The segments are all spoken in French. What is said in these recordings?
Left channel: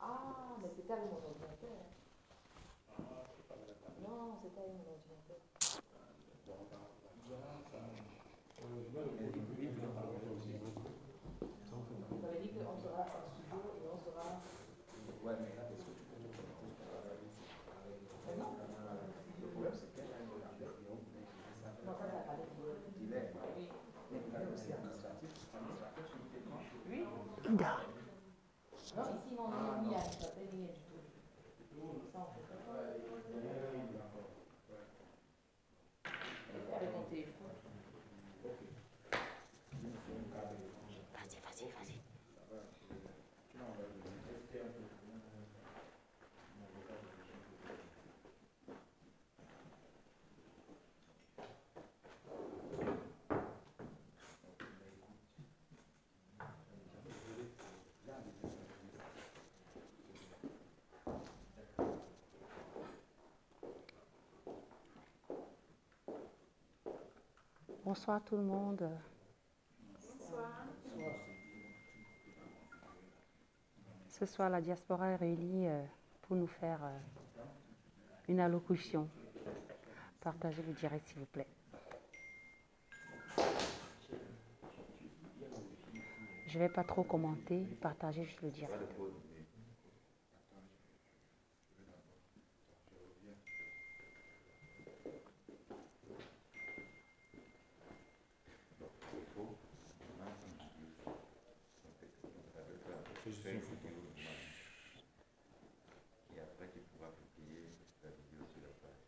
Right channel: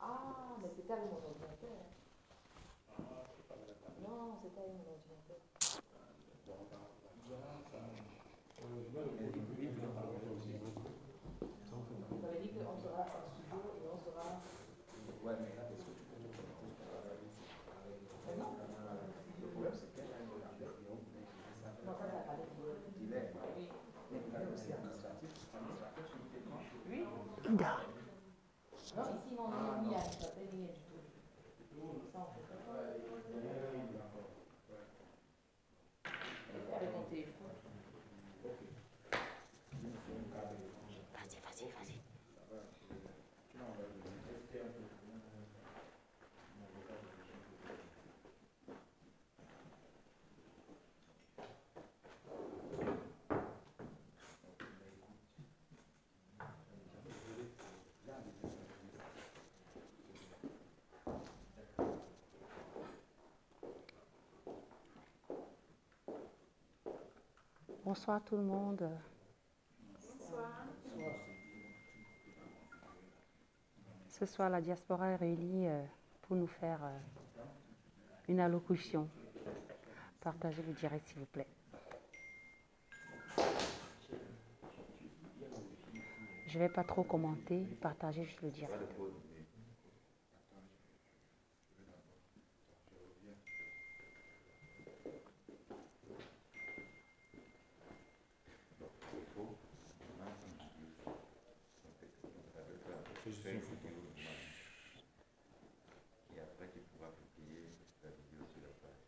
Ah, mais c'est avec mon ordinateur. Non, c'est avec mon ordinateur. Vous avez dit qu'on sera en studio et on sera. Ouais, mais là, est-ce que tu peux te connecter avec. Non. Le problème, c'est qu'elle a une ordinateur. Non, ça, ça va aller. Il est. Oui. Mais il est aussi administratif. Administrateur sur le téléphone. Oui. Non, ici, non, on n'y a pas de ligne du tout. Ça, on fait pas. Avec mon téléphone. Vas-y, vas-y, vas-y. Bonsoir tout le monde. Bonsoir. Ce soir, la diaspora est réunie pour nous faire une allocution. Partagez le direct, s'il vous plaît. Je ne vais pas trop commenter, partagez juste le direct. Et après, tu pourras publier la vidéo sur la page.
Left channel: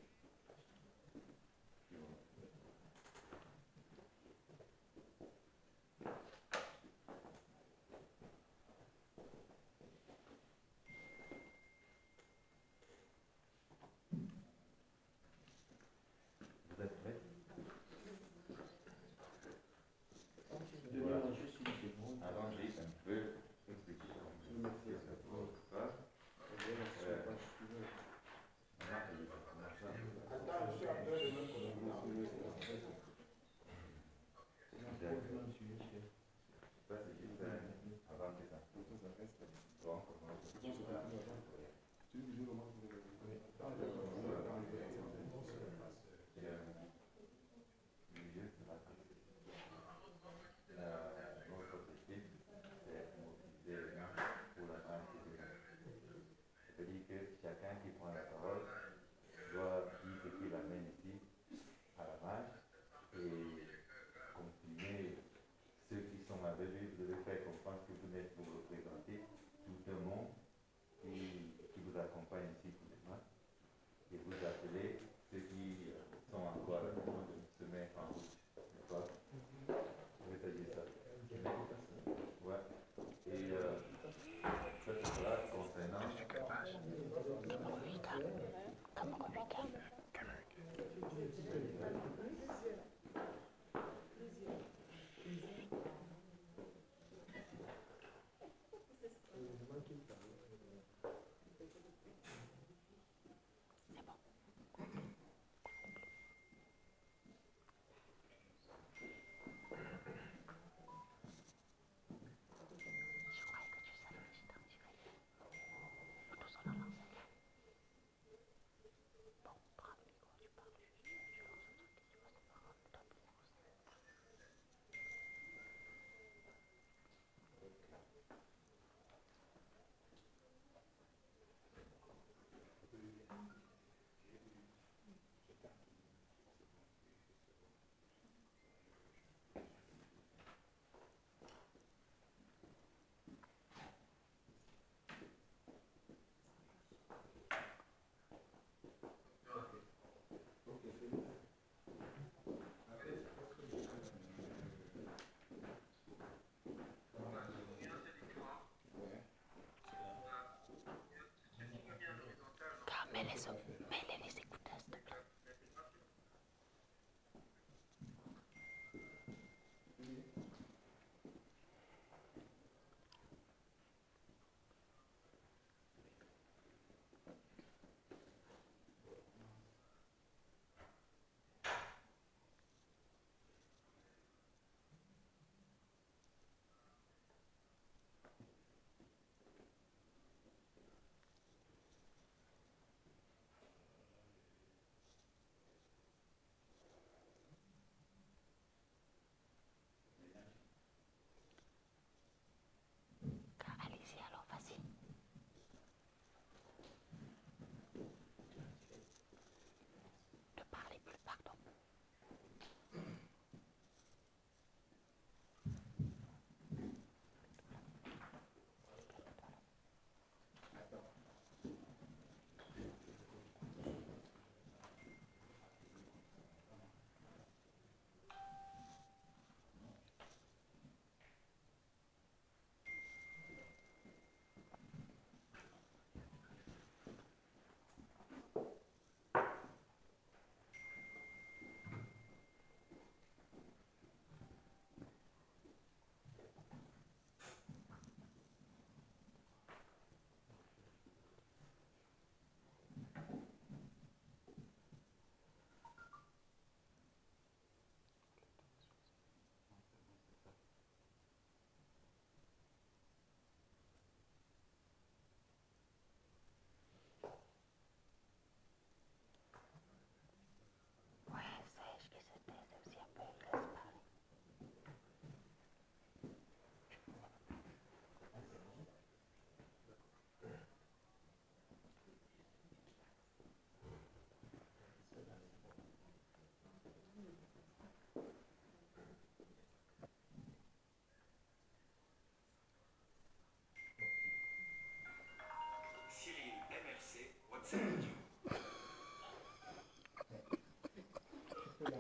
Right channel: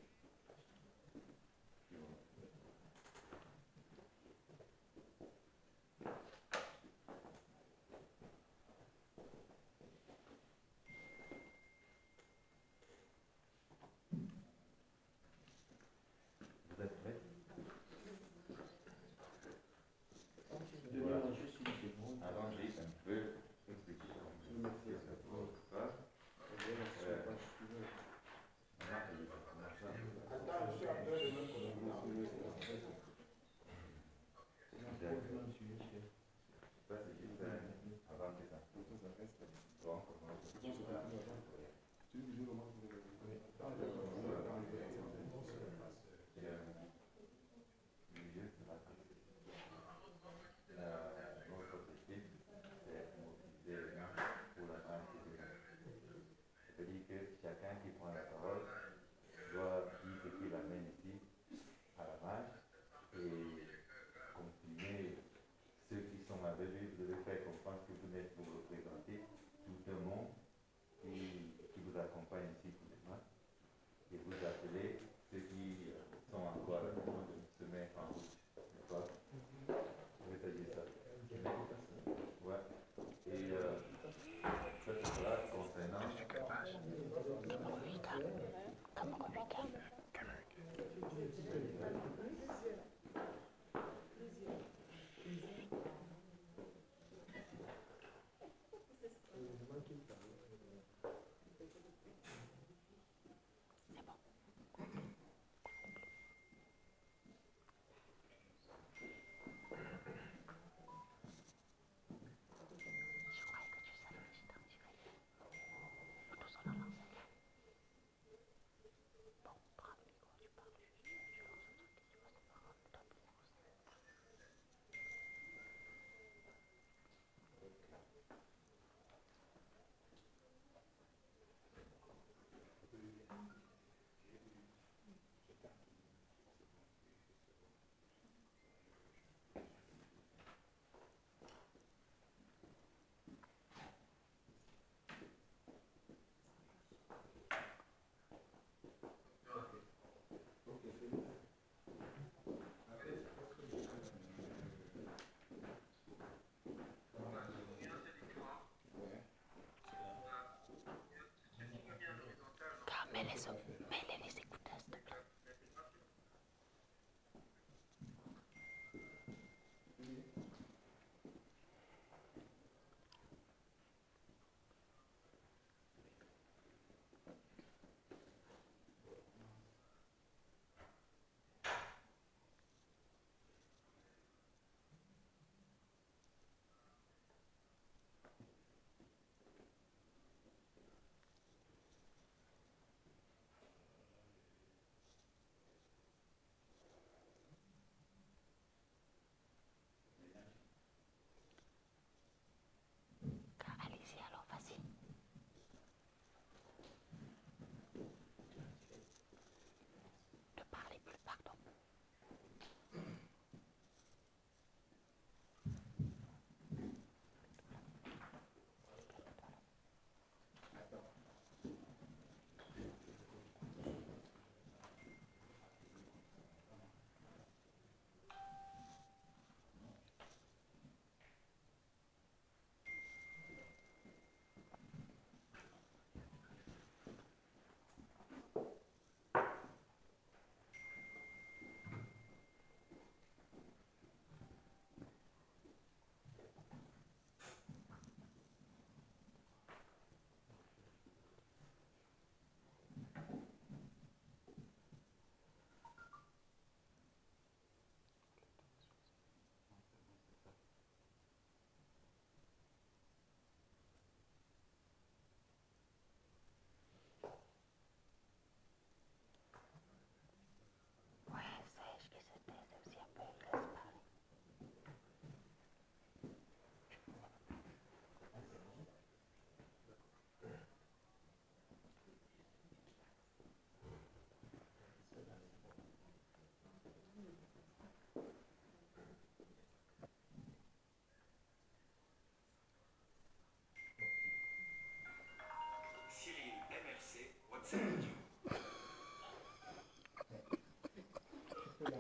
Sèche,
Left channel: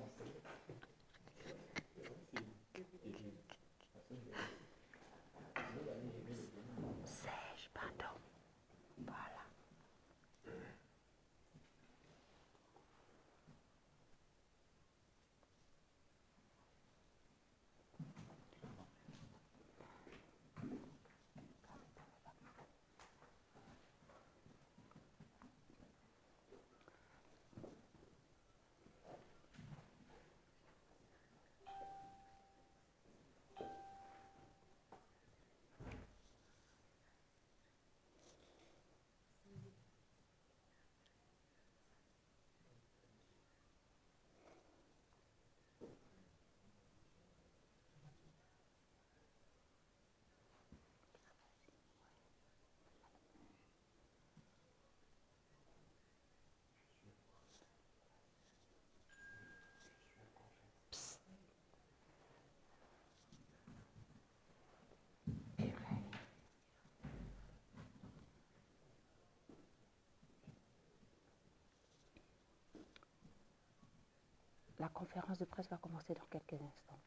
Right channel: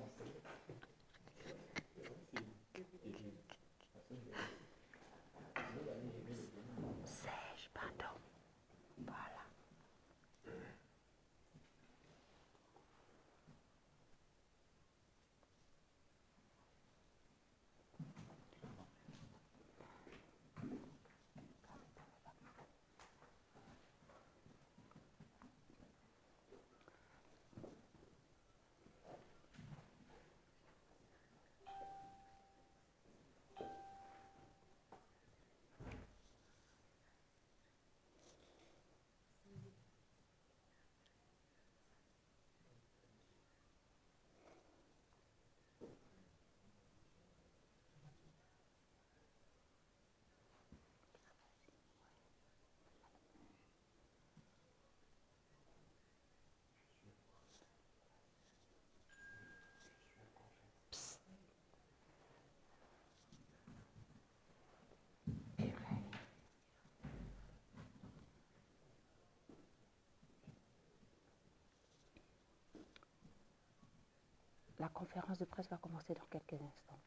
pardon. Voilà. La conférence de presse va commencer dans quelques instants.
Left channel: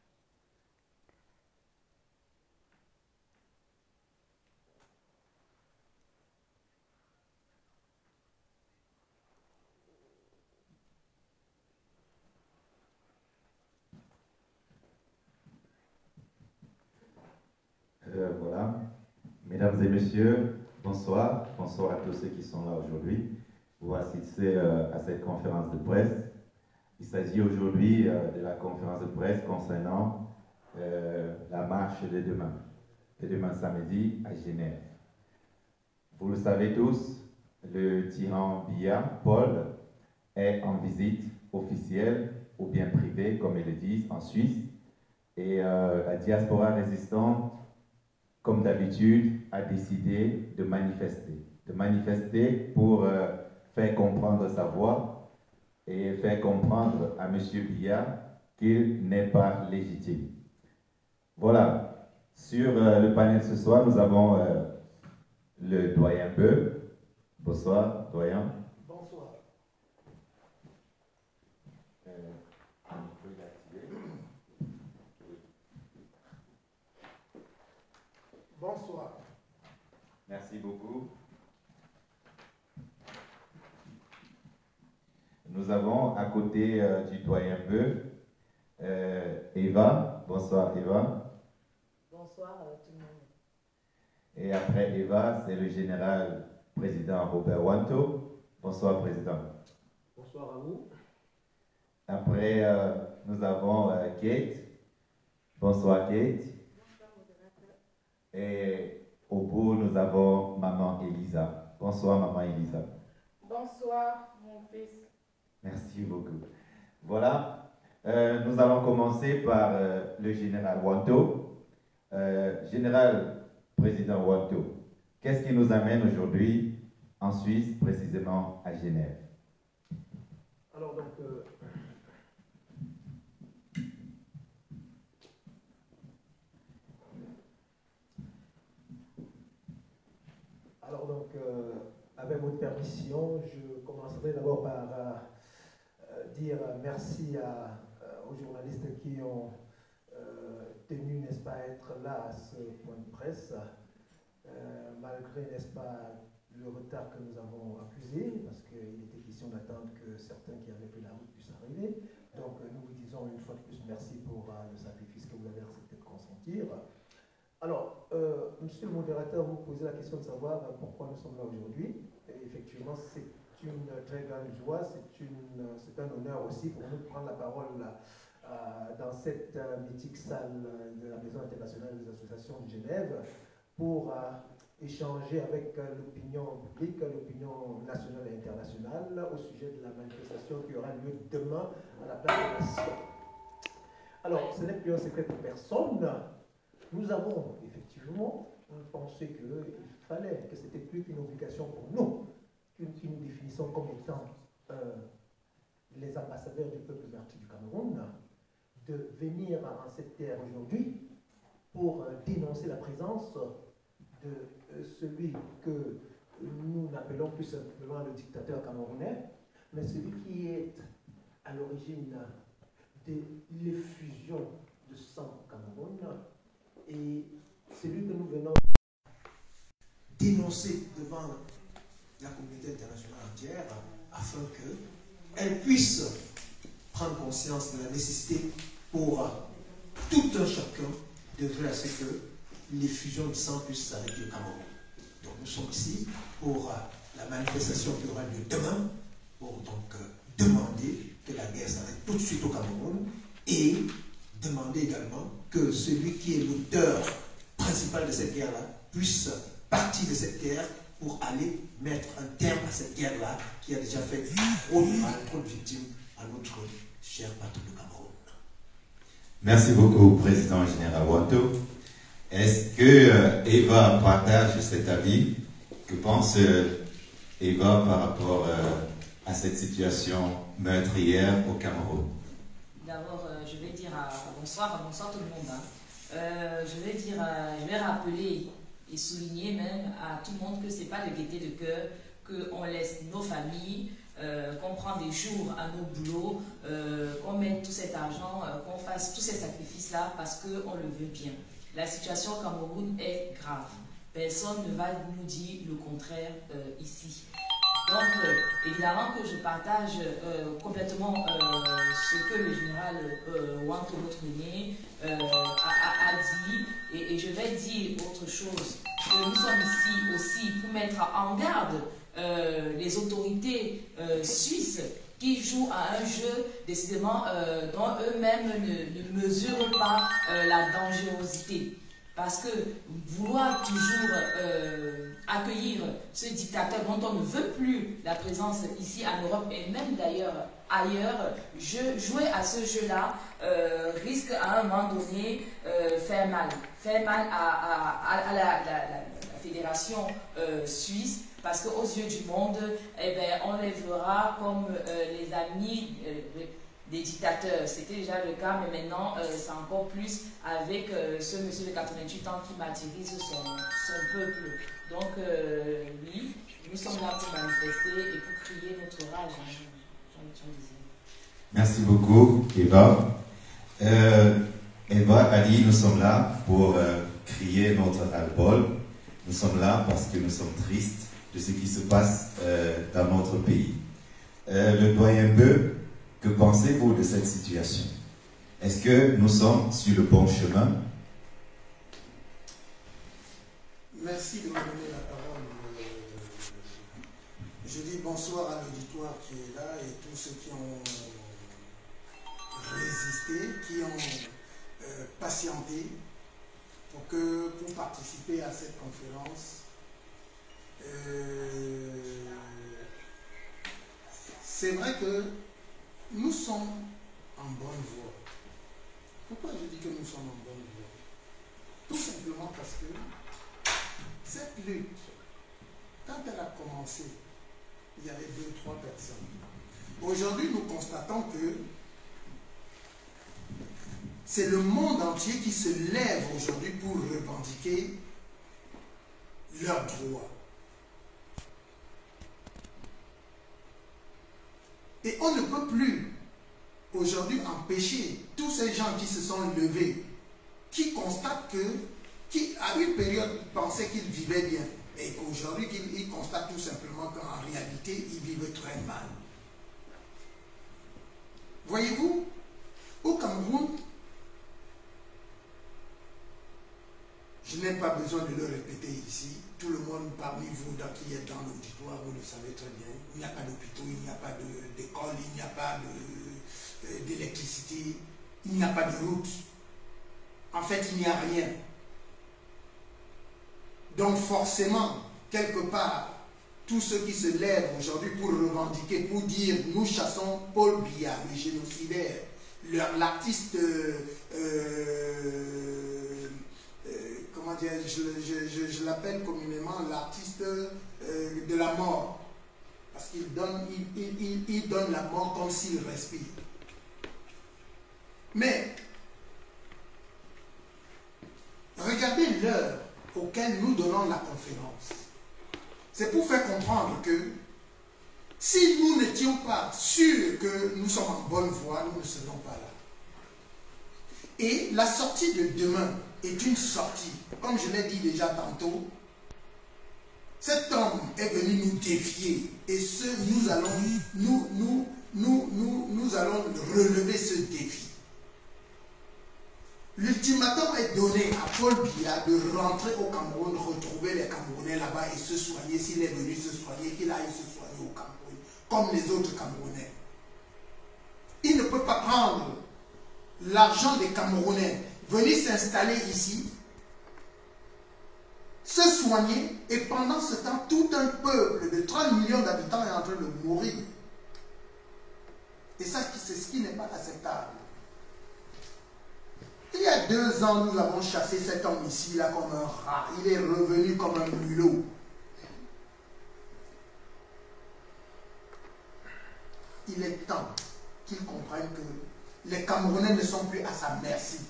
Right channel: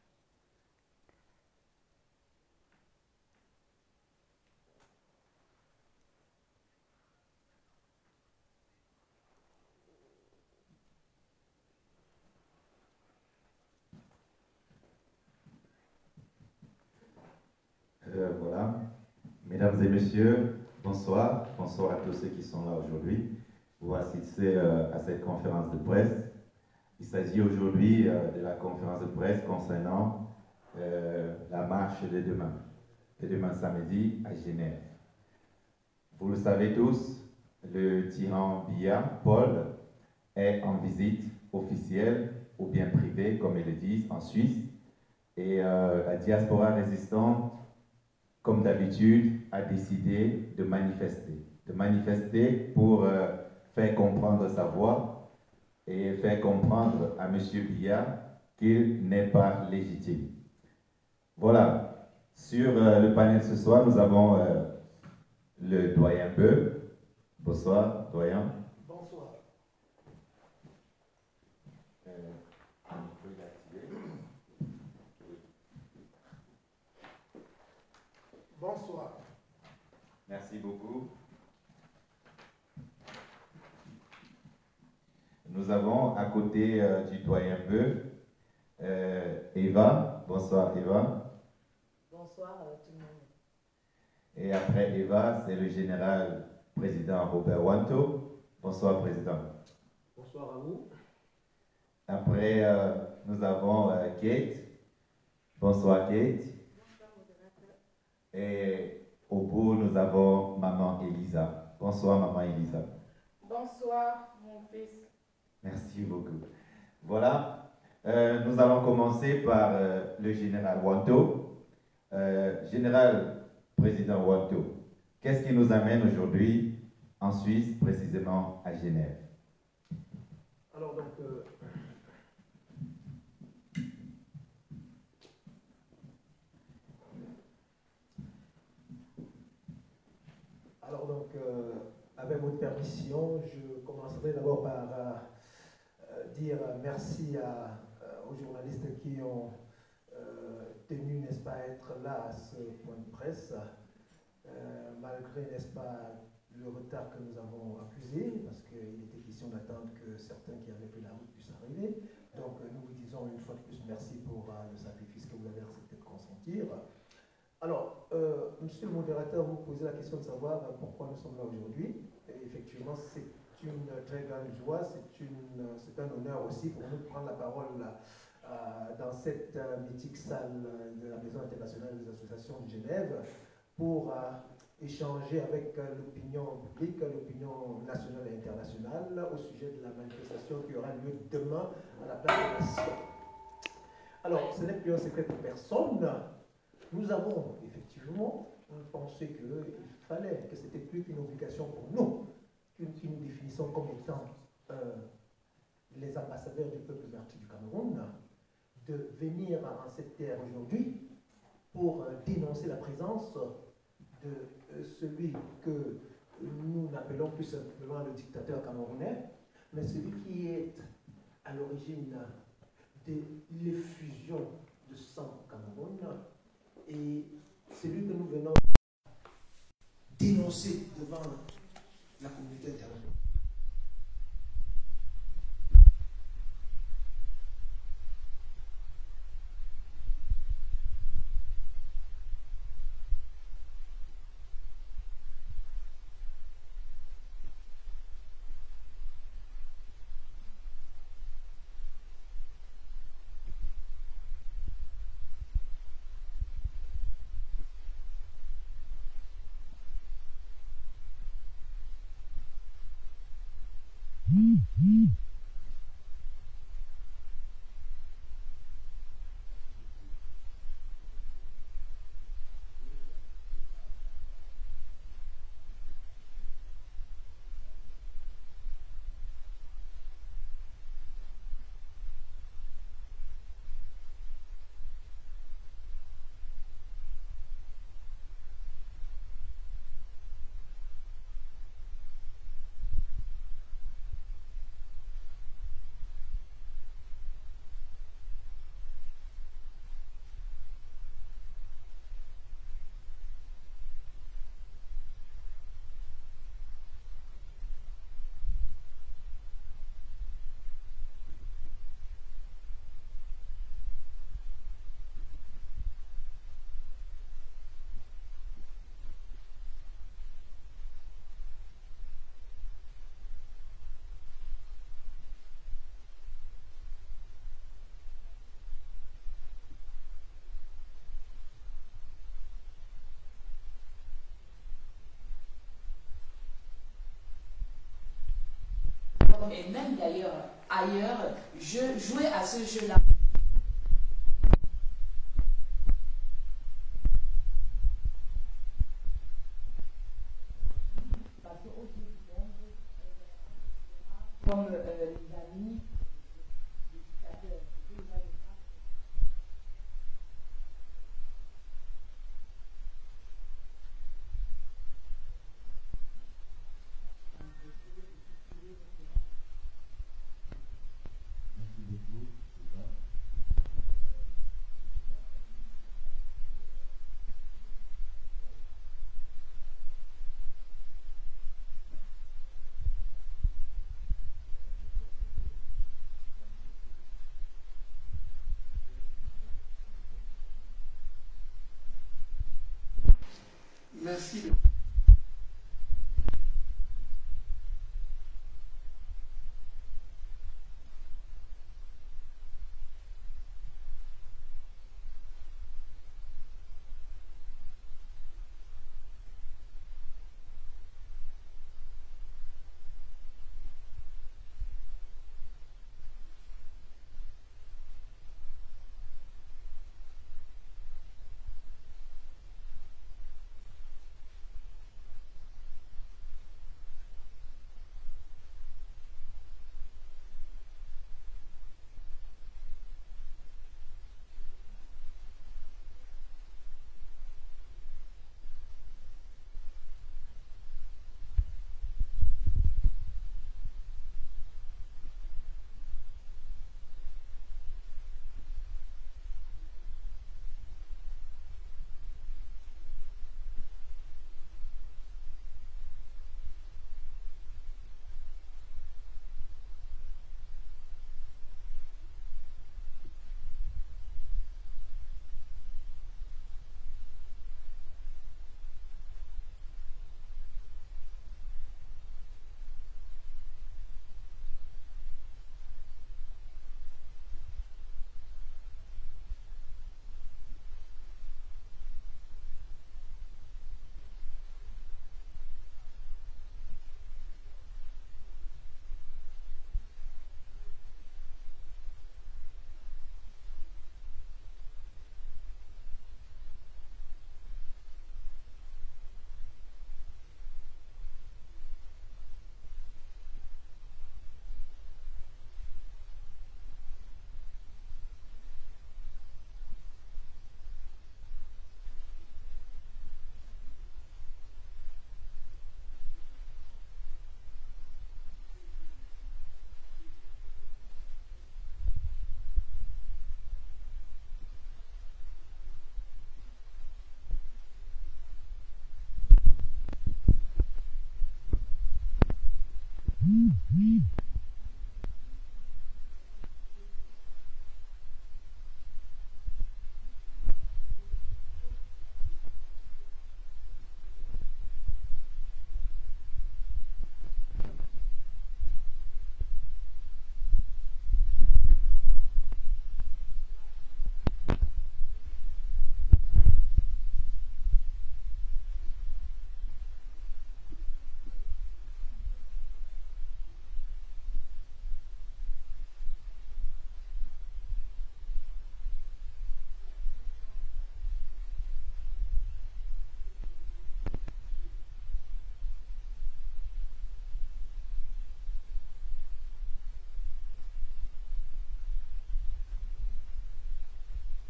Voilà. Mesdames et messieurs, bonsoir. Bonsoir à tous ceux qui sont là aujourd'hui. Vous assistez à cette conférence de presse. Il s'agit aujourd'hui de la conférence de presse concernant la marche de demain samedi à Genève. Vous le savez tous, le tyran Biya, Paul, est en visite officielle ou bien privée, comme ils le disent, en Suisse. Et la diaspora résistante, comme d'habitude, a décidé de manifester pour faire comprendre sa voix et faire comprendre à M. Biya qu'il n'est pas légitime. Voilà. Sur le panel ce soir, nous avons le doyen Beu. Bonsoir, doyen. Bonsoir. Bonsoir. Merci beaucoup. Nous avons à côté du doyen Beu, Eva. Bonsoir Eva. Bonsoir tout le monde. Et après Eva, c'est le général président Robert Wanto. Bonsoir président. Bonsoir à vous. Après, nous avons Kate. Bonsoir Kate. Bonsoir modérateur. Et au bout, nous avons maman Elisa. Bonsoir maman Elisa. Bonsoir mon fils. Merci beaucoup. Voilà, nous allons commencer par le général Wanto. Général président Wanto, qu'est-ce qui nous amène aujourd'hui en Suisse, précisément à Genève? Alors donc, avec votre permission, je commencerai d'abord par dire merci aux journalistes qui ont tenu, n'est-ce pas, à être là à ce point de presse, malgré, n'est-ce pas, le retard que nous avons accusé, parce qu'il était question d'attendre que certains qui avaient pris la route puissent arriver. Donc nous vous disons une fois de plus merci pour le sacrifice que vous avez accepté de consentir. Alors, monsieur le modérateur, vous posez la question de savoir pourquoi nous sommes là aujourd'hui. Et effectivement, c'est une très grande joie, c'est un honneur aussi pour nous de prendre la parole dans cette mythique salle de la Maison internationale des associations de Genève pour échanger avec l'opinion publique, l'opinion nationale et internationale au sujet de la manifestation qui aura lieu demain à la place de la Nation. Alors, ce n'est plus un secret pour personne. Nous avons effectivement pensé qu'il fallait, que c'était plus qu'une obligation pour nous, qui nous définissons comme étant les ambassadeurs du peuple martyr du Cameroun, de venir en cette terre aujourd'hui pour dénoncer la présence de celui que nous n'appelons plus simplement le dictateur camerounais, mais celui qui est à l'origine de l'effusion de sang au Cameroun et celui que nous venons dénoncer devant la communauté internationale entière afin qu'elle puisse prendre conscience de la nécessité pour tout un chacun d'œuvrer à ce que l'effusion de sang puisse s'arrêter au Cameroun. Donc nous sommes ici pour la manifestation qui aura lieu demain, pour donc demander que la guerre s'arrête tout de suite au Cameroun et demander également que celui qui est l'auteur principal de cette guerre-là puisse partir de cette guerre pour aller mettre un terme à cette guerre-là qui a déjà fait trop de mal, trop de victimes à notre cher patron du Cameroun. Merci beaucoup, Président Général Wanto. Est-ce que Eva partage cet avis? Que pense Eva par rapport à cette situation meurtrière au Cameroun? D'abord, je vais dire bonsoir tout le monde. Je vais rappeler et souligner même à tout le monde que ce n'est pas de gaieté de cœur qu'on laisse nos familles, qu'on prend des jours à nos boulots, qu'on mette tout cet argent, qu'on fasse tous ces sacrifices-là parce qu'on le veut bien. La situation au Cameroun est grave. Personne ne va nous dire le contraire ici. Donc, évidemment que je partage complètement ce que le général Wanto Botrene a dit, et je vais dire autre chose, que nous sommes ici aussi pour mettre en garde les autorités suisses qui jouent à un jeu décidément dont eux-mêmes ne mesurent pas la dangerosité. Parce que vouloir toujours accueillir ce dictateur dont on ne veut plus la présence ici en Europe et même d'ailleurs ailleurs, jouer à ce jeu-là risque à un moment donné faire mal. Faire mal à la fédération suisse parce qu'aux yeux du monde, eh ben, on les verra comme les amis des dictateurs. C'était déjà le cas, mais maintenant c'est encore plus avec ce monsieur de 88 ans qui martyrise son peuple. Donc oui, nous sommes là pour manifester et pour crier notre rage. Merci beaucoup, Eva. Eva a dit, nous sommes là pour crier notre ras-le-bol. Nous sommes là parce que nous sommes tristes de ce qui se passe dans notre pays. Le doyen Beu, que pensez-vous de cette situation? Est-ce que nous sommes sur le bon chemin? Merci de me donner la parole. Je dis bonsoir à l'auditoire qui est là et tous ceux qui ont résisté, qui ont patienté pour participer à cette conférence. C'est vrai que nous sommes en bonne voie. Pourquoi je dis que nous sommes en bonne voie? Tout simplement parce que cette lutte, quand elle a commencé, il y avait 2 ou 3 personnes. Aujourd'hui, nous constatons que c'est le monde entier qui se lève aujourd'hui pour revendiquer leurs droits. Et on ne peut plus aujourd'hui empêcher tous ces gens qui se sont levés, qui constatent qui à une période pensaient qu'ils vivaient bien, et aujourd'hui ils constatent tout simplement qu'en réalité ils vivent très mal. Voyez-vous, au Cameroun, je n'ai pas besoin de le répéter ici, tout le monde parmi vous qui êtes dans l'auditoire, vous le savez très bien, il n'y a pas d'hôpitaux, il n'y a pas d'école, il n'y a pas d'électricité, il n'y a pas de route. En fait, il n'y a rien. Donc forcément, quelque part, tous ceux qui se lèvent aujourd'hui pour revendiquer, pour dire nous chassons Paul Biya, le génocidaire, l'artiste, comment dire, je l'appelle communément l'artiste de la mort, parce qu'il donne, il donne la mort comme s'il respire. Mais regardez l'heure auquel nous donnons la conférence. C'est pour faire comprendre que si nous n'étions pas sûrs que nous sommes en bonne voie, nous ne serions pas là. Et la sortie de demain est une sortie. Comme je l'ai dit déjà tantôt, cet homme est venu nous défier. Et nous allons relever ce défi. L'ultimatum est donné à Paul Biya de rentrer au Cameroun, retrouver les Camerounais là-bas et se soigner. S'il est venu se soigner, qu'il aille se soigner au Cameroun, comme les autres Camerounais. Il ne peut pas prendre l'argent des Camerounais, venir s'installer ici, se soigner, et pendant ce temps, tout un peuple de 30 millions d'habitants est en train de mourir. Et ça, c'est ce qui n'est pas acceptable. Il y a 2 ans, nous avons chassé cet homme ici, là, comme un rat. Il est revenu comme un mulot. Il est temps qu'il comprenne que les Camerounais ne sont plus à sa merci.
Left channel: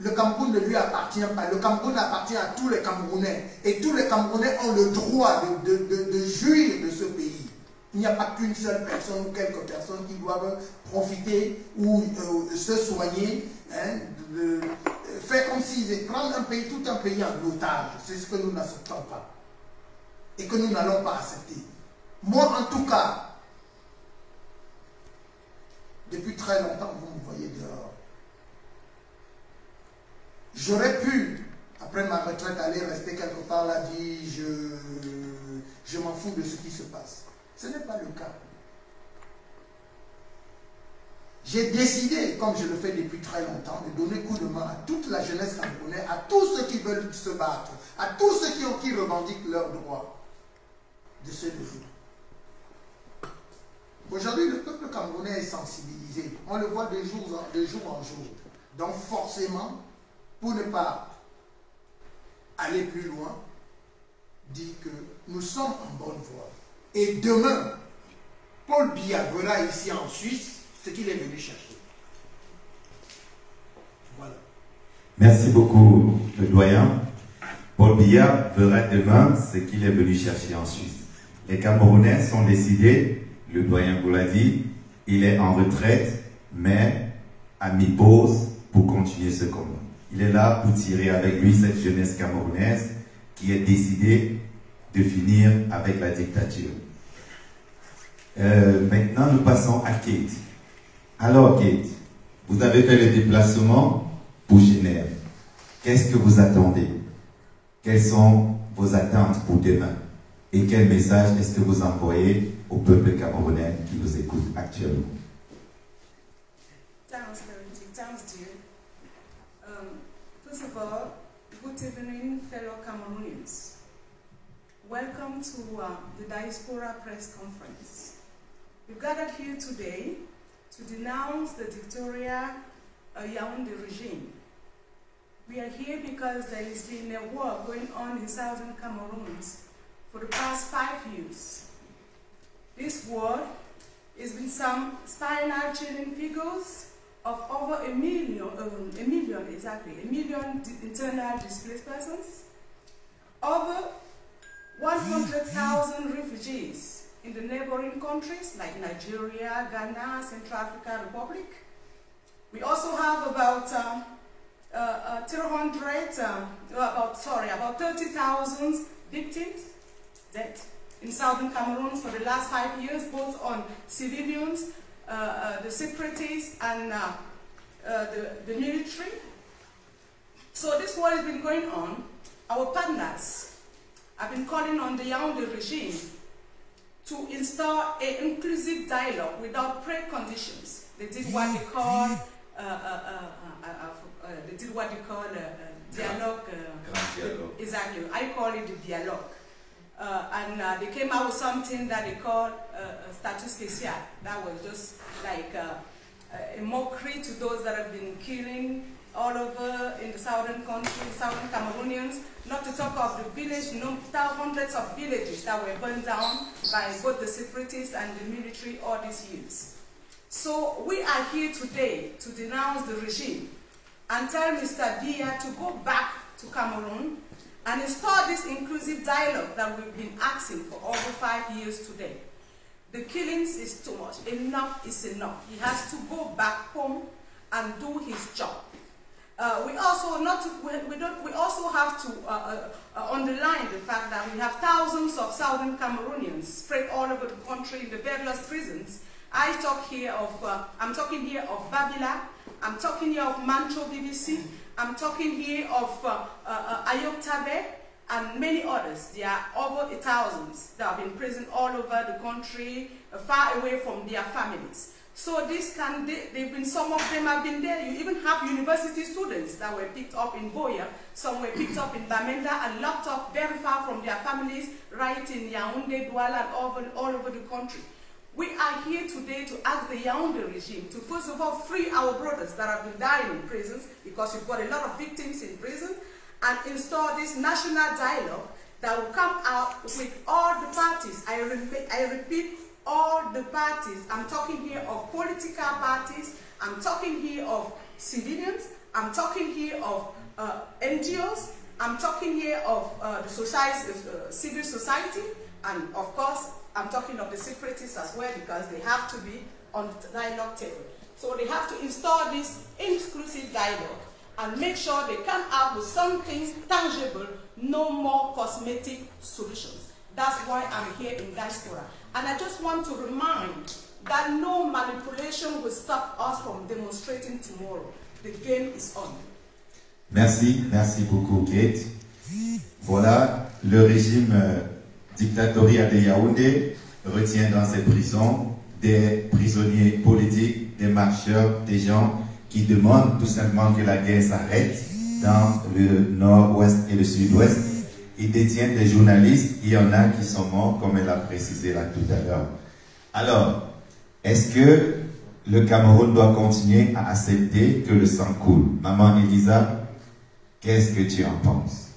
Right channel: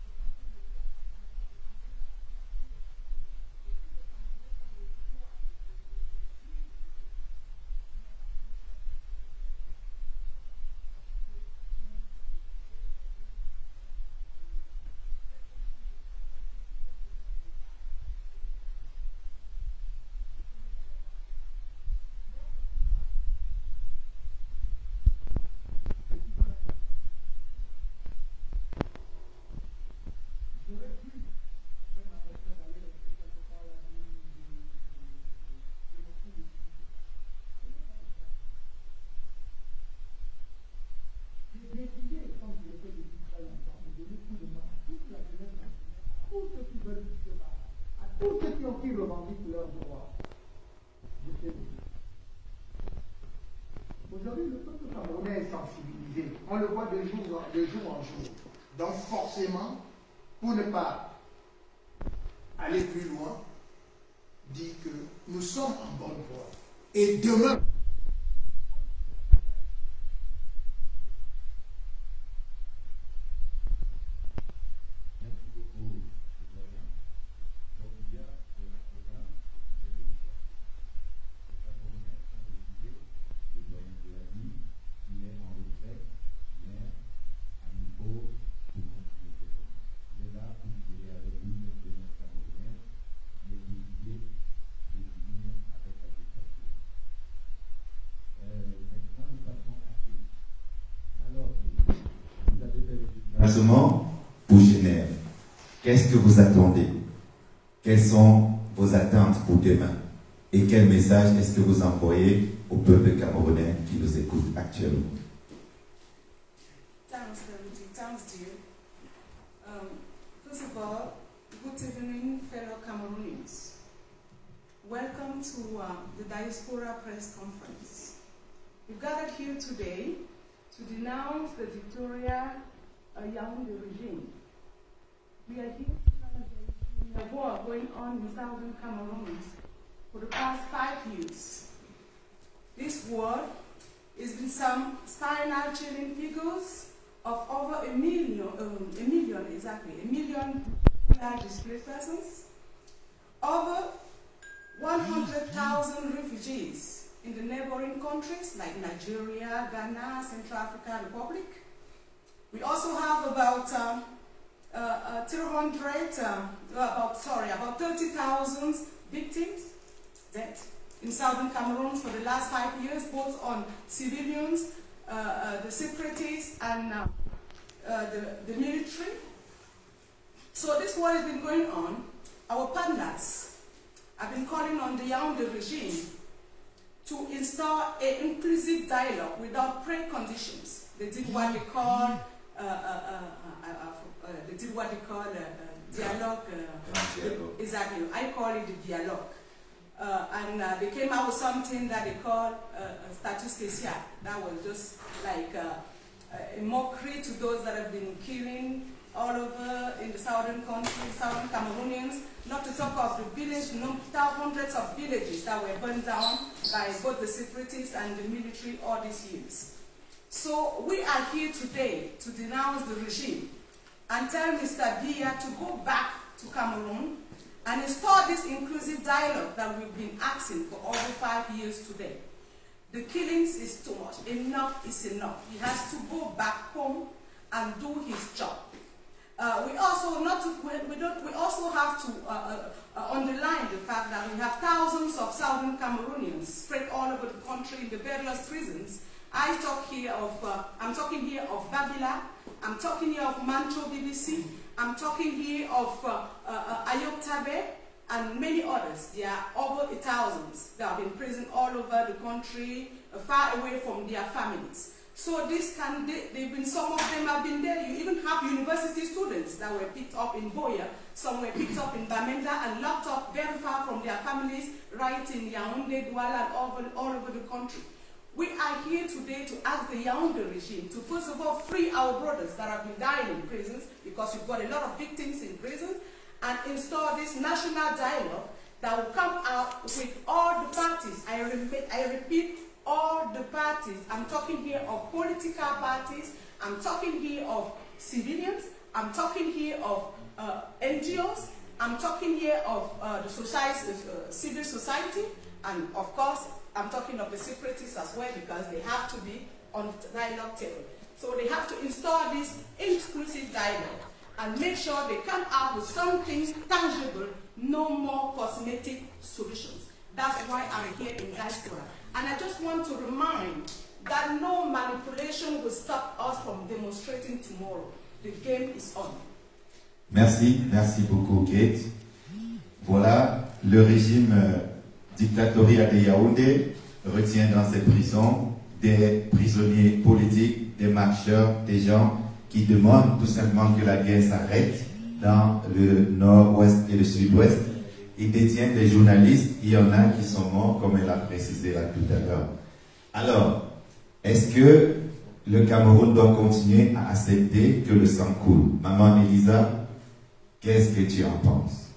Le Cameroun ne lui appartient pas. Le Cameroun appartient à tous les Camerounais. Et tous les Camerounais ont le droit de jouir de ce pays. Il n'y a pas qu'une seule personne ou quelques personnes qui doivent profiter ou se soigner, hein, faire comme s'ils prennent un pays, tout un pays en otage. C'est ce que nous n'acceptons pas. Et que nous n'allons pas accepter. Moi, en tout cas, depuis très longtemps, vous me voyez dehors. J'aurais pu, après ma retraite, aller rester quelque part là, dire je m'en fous de ce qui se passe. Ce n'est pas le cas. J'ai décidé, comme je le fais depuis très longtemps, de donner coup de main à toute la jeunesse camerounaise, à tous ceux qui veulent se battre, à tous ceux qui revendiquent leurs droits, de se lever. Aujourd'hui, le peuple camerounais est sensibilisé. On le voit de jour en jour. Donc forcément, pour ne pas aller plus loin, dit que nous sommes en bonne voie. Et demain, Paul Biya verra ici en Suisse ce qu'il est venu chercher. Voilà. Merci beaucoup, le doyen. Paul Biya verra demain ce qu'il est venu chercher en Suisse. Les Camerounais sont décidés, le doyen vous l'a dit, il est en retraite, mais à mi-pause pour continuer ce combat. Il est là pour tirer avec lui cette jeunesse camerounaise qui est décidée de finir avec la dictature. Maintenant, nous passons à Kate. Alors, Kate, vous avez fait le déplacement pour Genève. Qu'est-ce que vous attendez? Quelles sont vos attentes pour demain? Et quel message est-ce que vous envoyez au peuple camerounais qui nous écoute actuellement? Thanks, dear. First of all, good evening, fellow Cameroonians. Welcome to the Diaspora Press Conference. We've gathered here today to denounce the dictatorial Yaoundé regime. We are here because there has been a war going on in southern Cameroon for the past 5 years. This war has been some spinal chilling figures of over a million internal displaced persons, over 100,000 refugees in the neighboring countries like Nigeria, Ghana, Central African Republic. We also have about 30,000 victims dead in southern Cameroon for the last 5 years, both on civilians, the separatists, and the military. So this war has been going on. Our partners have been calling on the Yaoundé regime to install an inclusive dialogue without preconditions. They did what they call dialogue. Exactly, I call it the dialogue. And they came out with something that they call status spécial. That was just like a mockery to those that have been killing all over in the southern country, southern Cameroonians, not to talk of the village, hundreds of villages that were burned down by both the separatists and the military all these years. So we are here today to denounce the regime and tell Mr. Biya to go back to Cameroon and install this inclusive dialogue that we've been asking for over 5 years today. The killings is too much. Enough is enough. He has to go back home and do his job. We also have to underline the fact that we have thousands of Southern Cameroonians spread all over the country in the various prisons. I'm talking here of Bagila, I'm talking here of Mancho BBC, I'm talking here of Ayok Tabe, and many others. There are over 1,000 that have been in prison all over the country, far away from their families. So some of them have been there. You even have university students that were picked up in Boya, some were picked up in Bamenda and locked up very far from their families, right in Yaoundé, Douala, and all over the country. We are here today to ask the Yaoundé regime to first of all free our brothers that have been dying in prisons, because you've got a lot of victims in prisons, and install this national dialogue that will come out with all the parties. I repeat, all the parties. I'm talking here of political parties, I'm talking here of civilians, I'm talking here of NGOs, I'm talking here of the society, civil society, and of course, I'm talking of the separatists as well, because they have to be on the dialogue table. So they have to install this inclusive dialogue and make sure they come out with something tangible, no more cosmetic solutions. That's why I'm here in diaspora. And I just want to remind that no manipulation will stop us from demonstrating tomorrow. The game is on. Merci beaucoup Kate. Voilà, le régime dictatorial de Yaoundé retient dans ses prisons des prisonniers politiques, des marcheurs, des gens qui demandent tout simplement que la guerre s'arrête dans le nord-ouest et le sud-ouest. Il détient des journalistes, il y en a qui sont morts, comme elle a précisé là tout à l'heure. Alors, est-ce que le Cameroun doit continuer à accepter que le sang coule? Maman Elisa, qu'est-ce que tu en penses?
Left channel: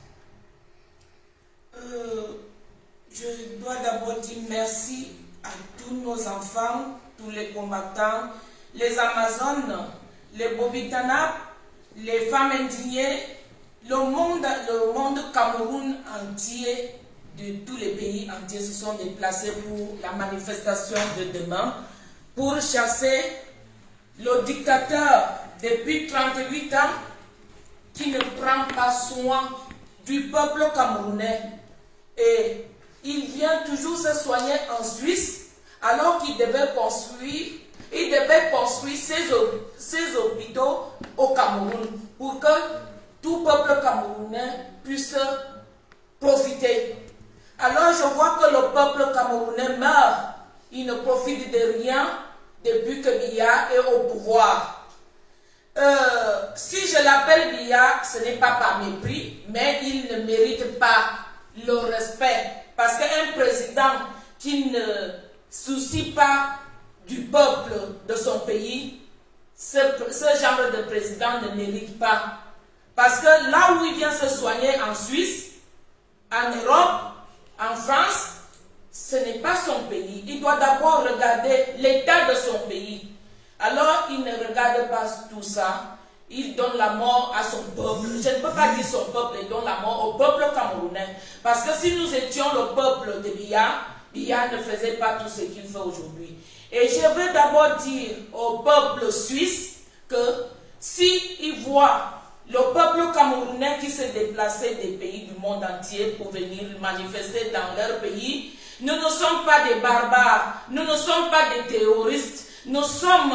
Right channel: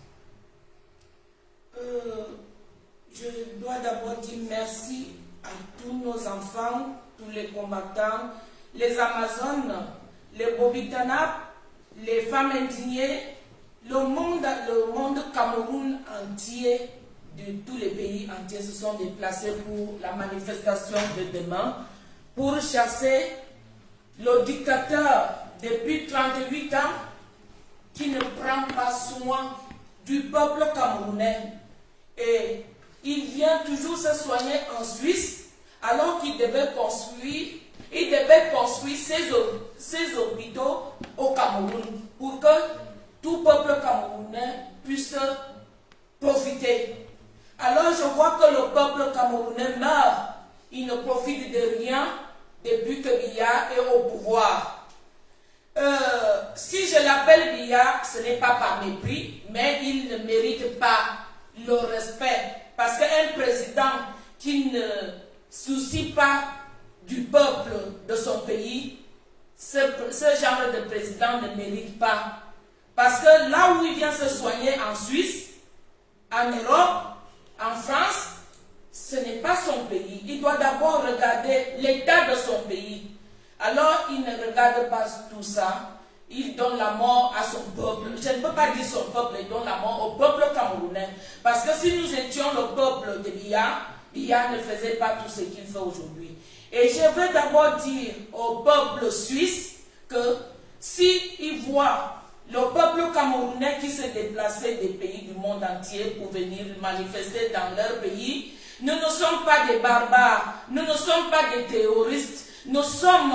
Je dois d'abord dire merci à tous nos enfants, tous les combattants, les Amazones, les Bobitana, les femmes indignées, le monde Cameroun entier, de tous les pays entiers se sont déplacés pour la manifestation de demain, pour chasser le dictateur depuis 38 ans qui ne prend pas soin du peuple camerounais. Et il vient toujours se soigner en Suisse alors qu'il devait construire ses hôpitaux au Cameroun pour que tout peuple camerounais puisse profiter. Alors je vois que le peuple camerounais meurt. Il ne profite de rien depuis que Biya est au pouvoir. Si je l'appelle Biya, ce n'est pas par mépris, mais il ne mérite pas le respect. Parce qu'un président qui ne soucie pas du peuple de son pays, ce genre de président ne mérite pas. Parce que là où il vient se soigner en Suisse, en Europe, en France, ce n'est pas son pays. Il doit d'abord regarder l'état de son pays. Alors, il ne regarde pas tout ça. Il donne la mort à son peuple. Je ne peux pas dire son peuple, il donne la mort au peuple camerounais. Parce que si nous étions le peuple de Biya, Biya ne faisait pas tout ce qu'il fait aujourd'hui. Et je veux d'abord dire au peuple suisse que s'il voit le peuple camerounais qui s'est déplacé des pays du monde entier pour venir manifester dans leur pays, nous ne sommes pas des barbares, nous ne sommes pas des terroristes, nous sommes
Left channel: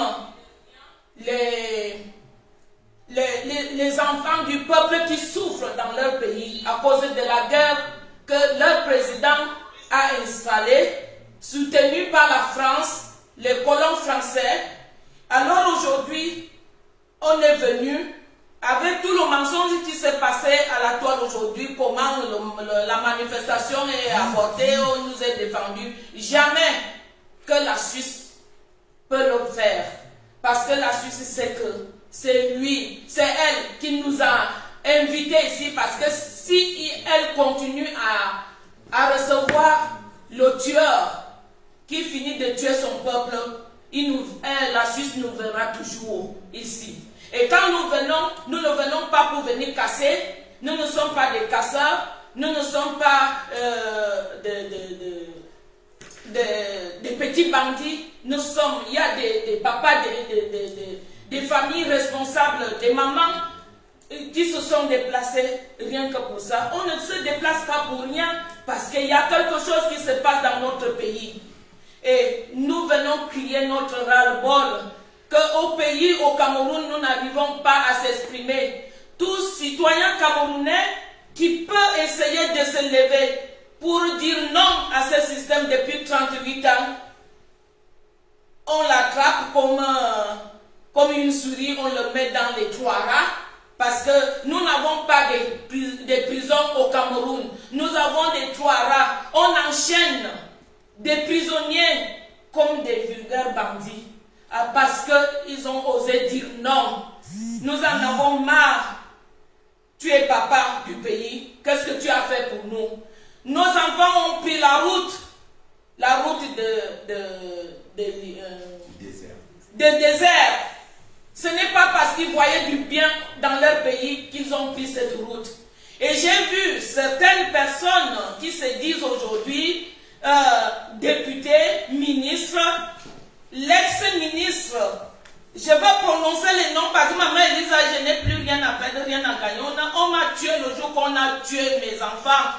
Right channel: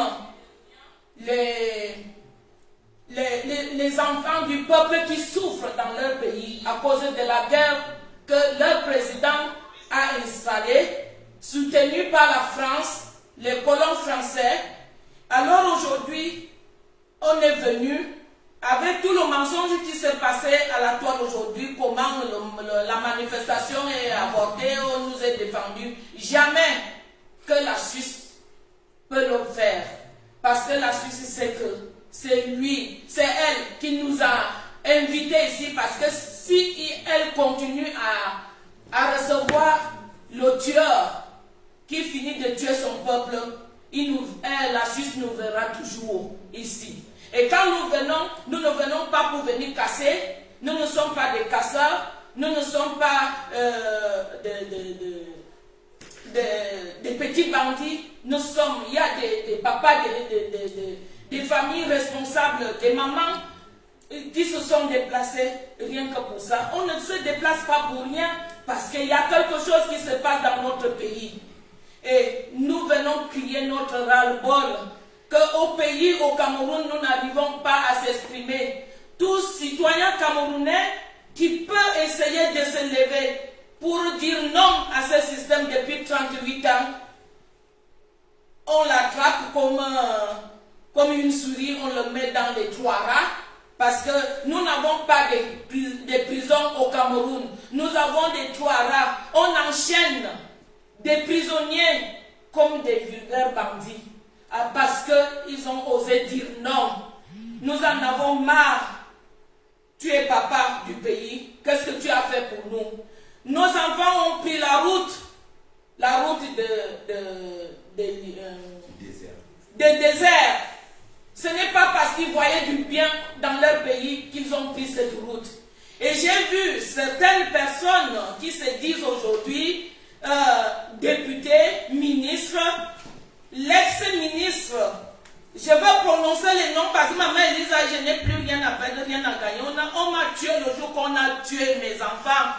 les enfants du peuple qui souffrent dans leur pays à cause de la guerre que leur président a installée, soutenu par la France, les colons français. Alors aujourd'hui, on est venu avec tout le mensonge qui s'est passé à la toile aujourd'hui, comment la manifestation est avortée, on nous est défendu. Jamais que la Suisse peut le faire. Parce que la Suisse sait que c'est lui, c'est elle qui nous a invités ici. Parce que si elle continue à recevoir le tueur qui finit de tuer son peuple, la Suisse nous verra toujours ici. Et quand nous venons, nous ne venons pas pour venir casser, nous ne sommes pas des casseurs, nous ne sommes pas des petits bandits, il y a des papas, des familles responsables, des mamans qui se sont déplacées rien que pour ça. On ne se déplace pas pour rien parce qu'il y a quelque chose qui se passe dans notre pays. Et nous venons crier notre ras-le-bol qu'au pays, au Cameroun, nous n'arrivons pas à s'exprimer. Tout citoyen camerounais qui peut essayer de se lever pour dire non à ce système depuis 38 ans, on l'attrape comme une souris, on le met dans les trois rats, parce que nous n'avons pas de prisons au Cameroun. Nous avons des trois rats. On enchaîne des prisonniers comme des vulgaires bandits, parce qu'ils ont osé dire non. Nous en avons marre. Tu es papa du pays. Qu'est-ce que tu as fait pour nous? Nos enfants ont pris la route de désert. Ce n'est pas parce qu'ils voyaient du bien dans leur pays qu'ils ont pris cette route. Et j'ai vu certaines personnes qui se disent aujourd'hui députés, ministres, l'ex-ministre. Je vais prononcer les noms parce que maman Elisa, je n'ai plus rien à perdre, rien à gagner. On m'a tué le jour qu'on a tué mes enfants.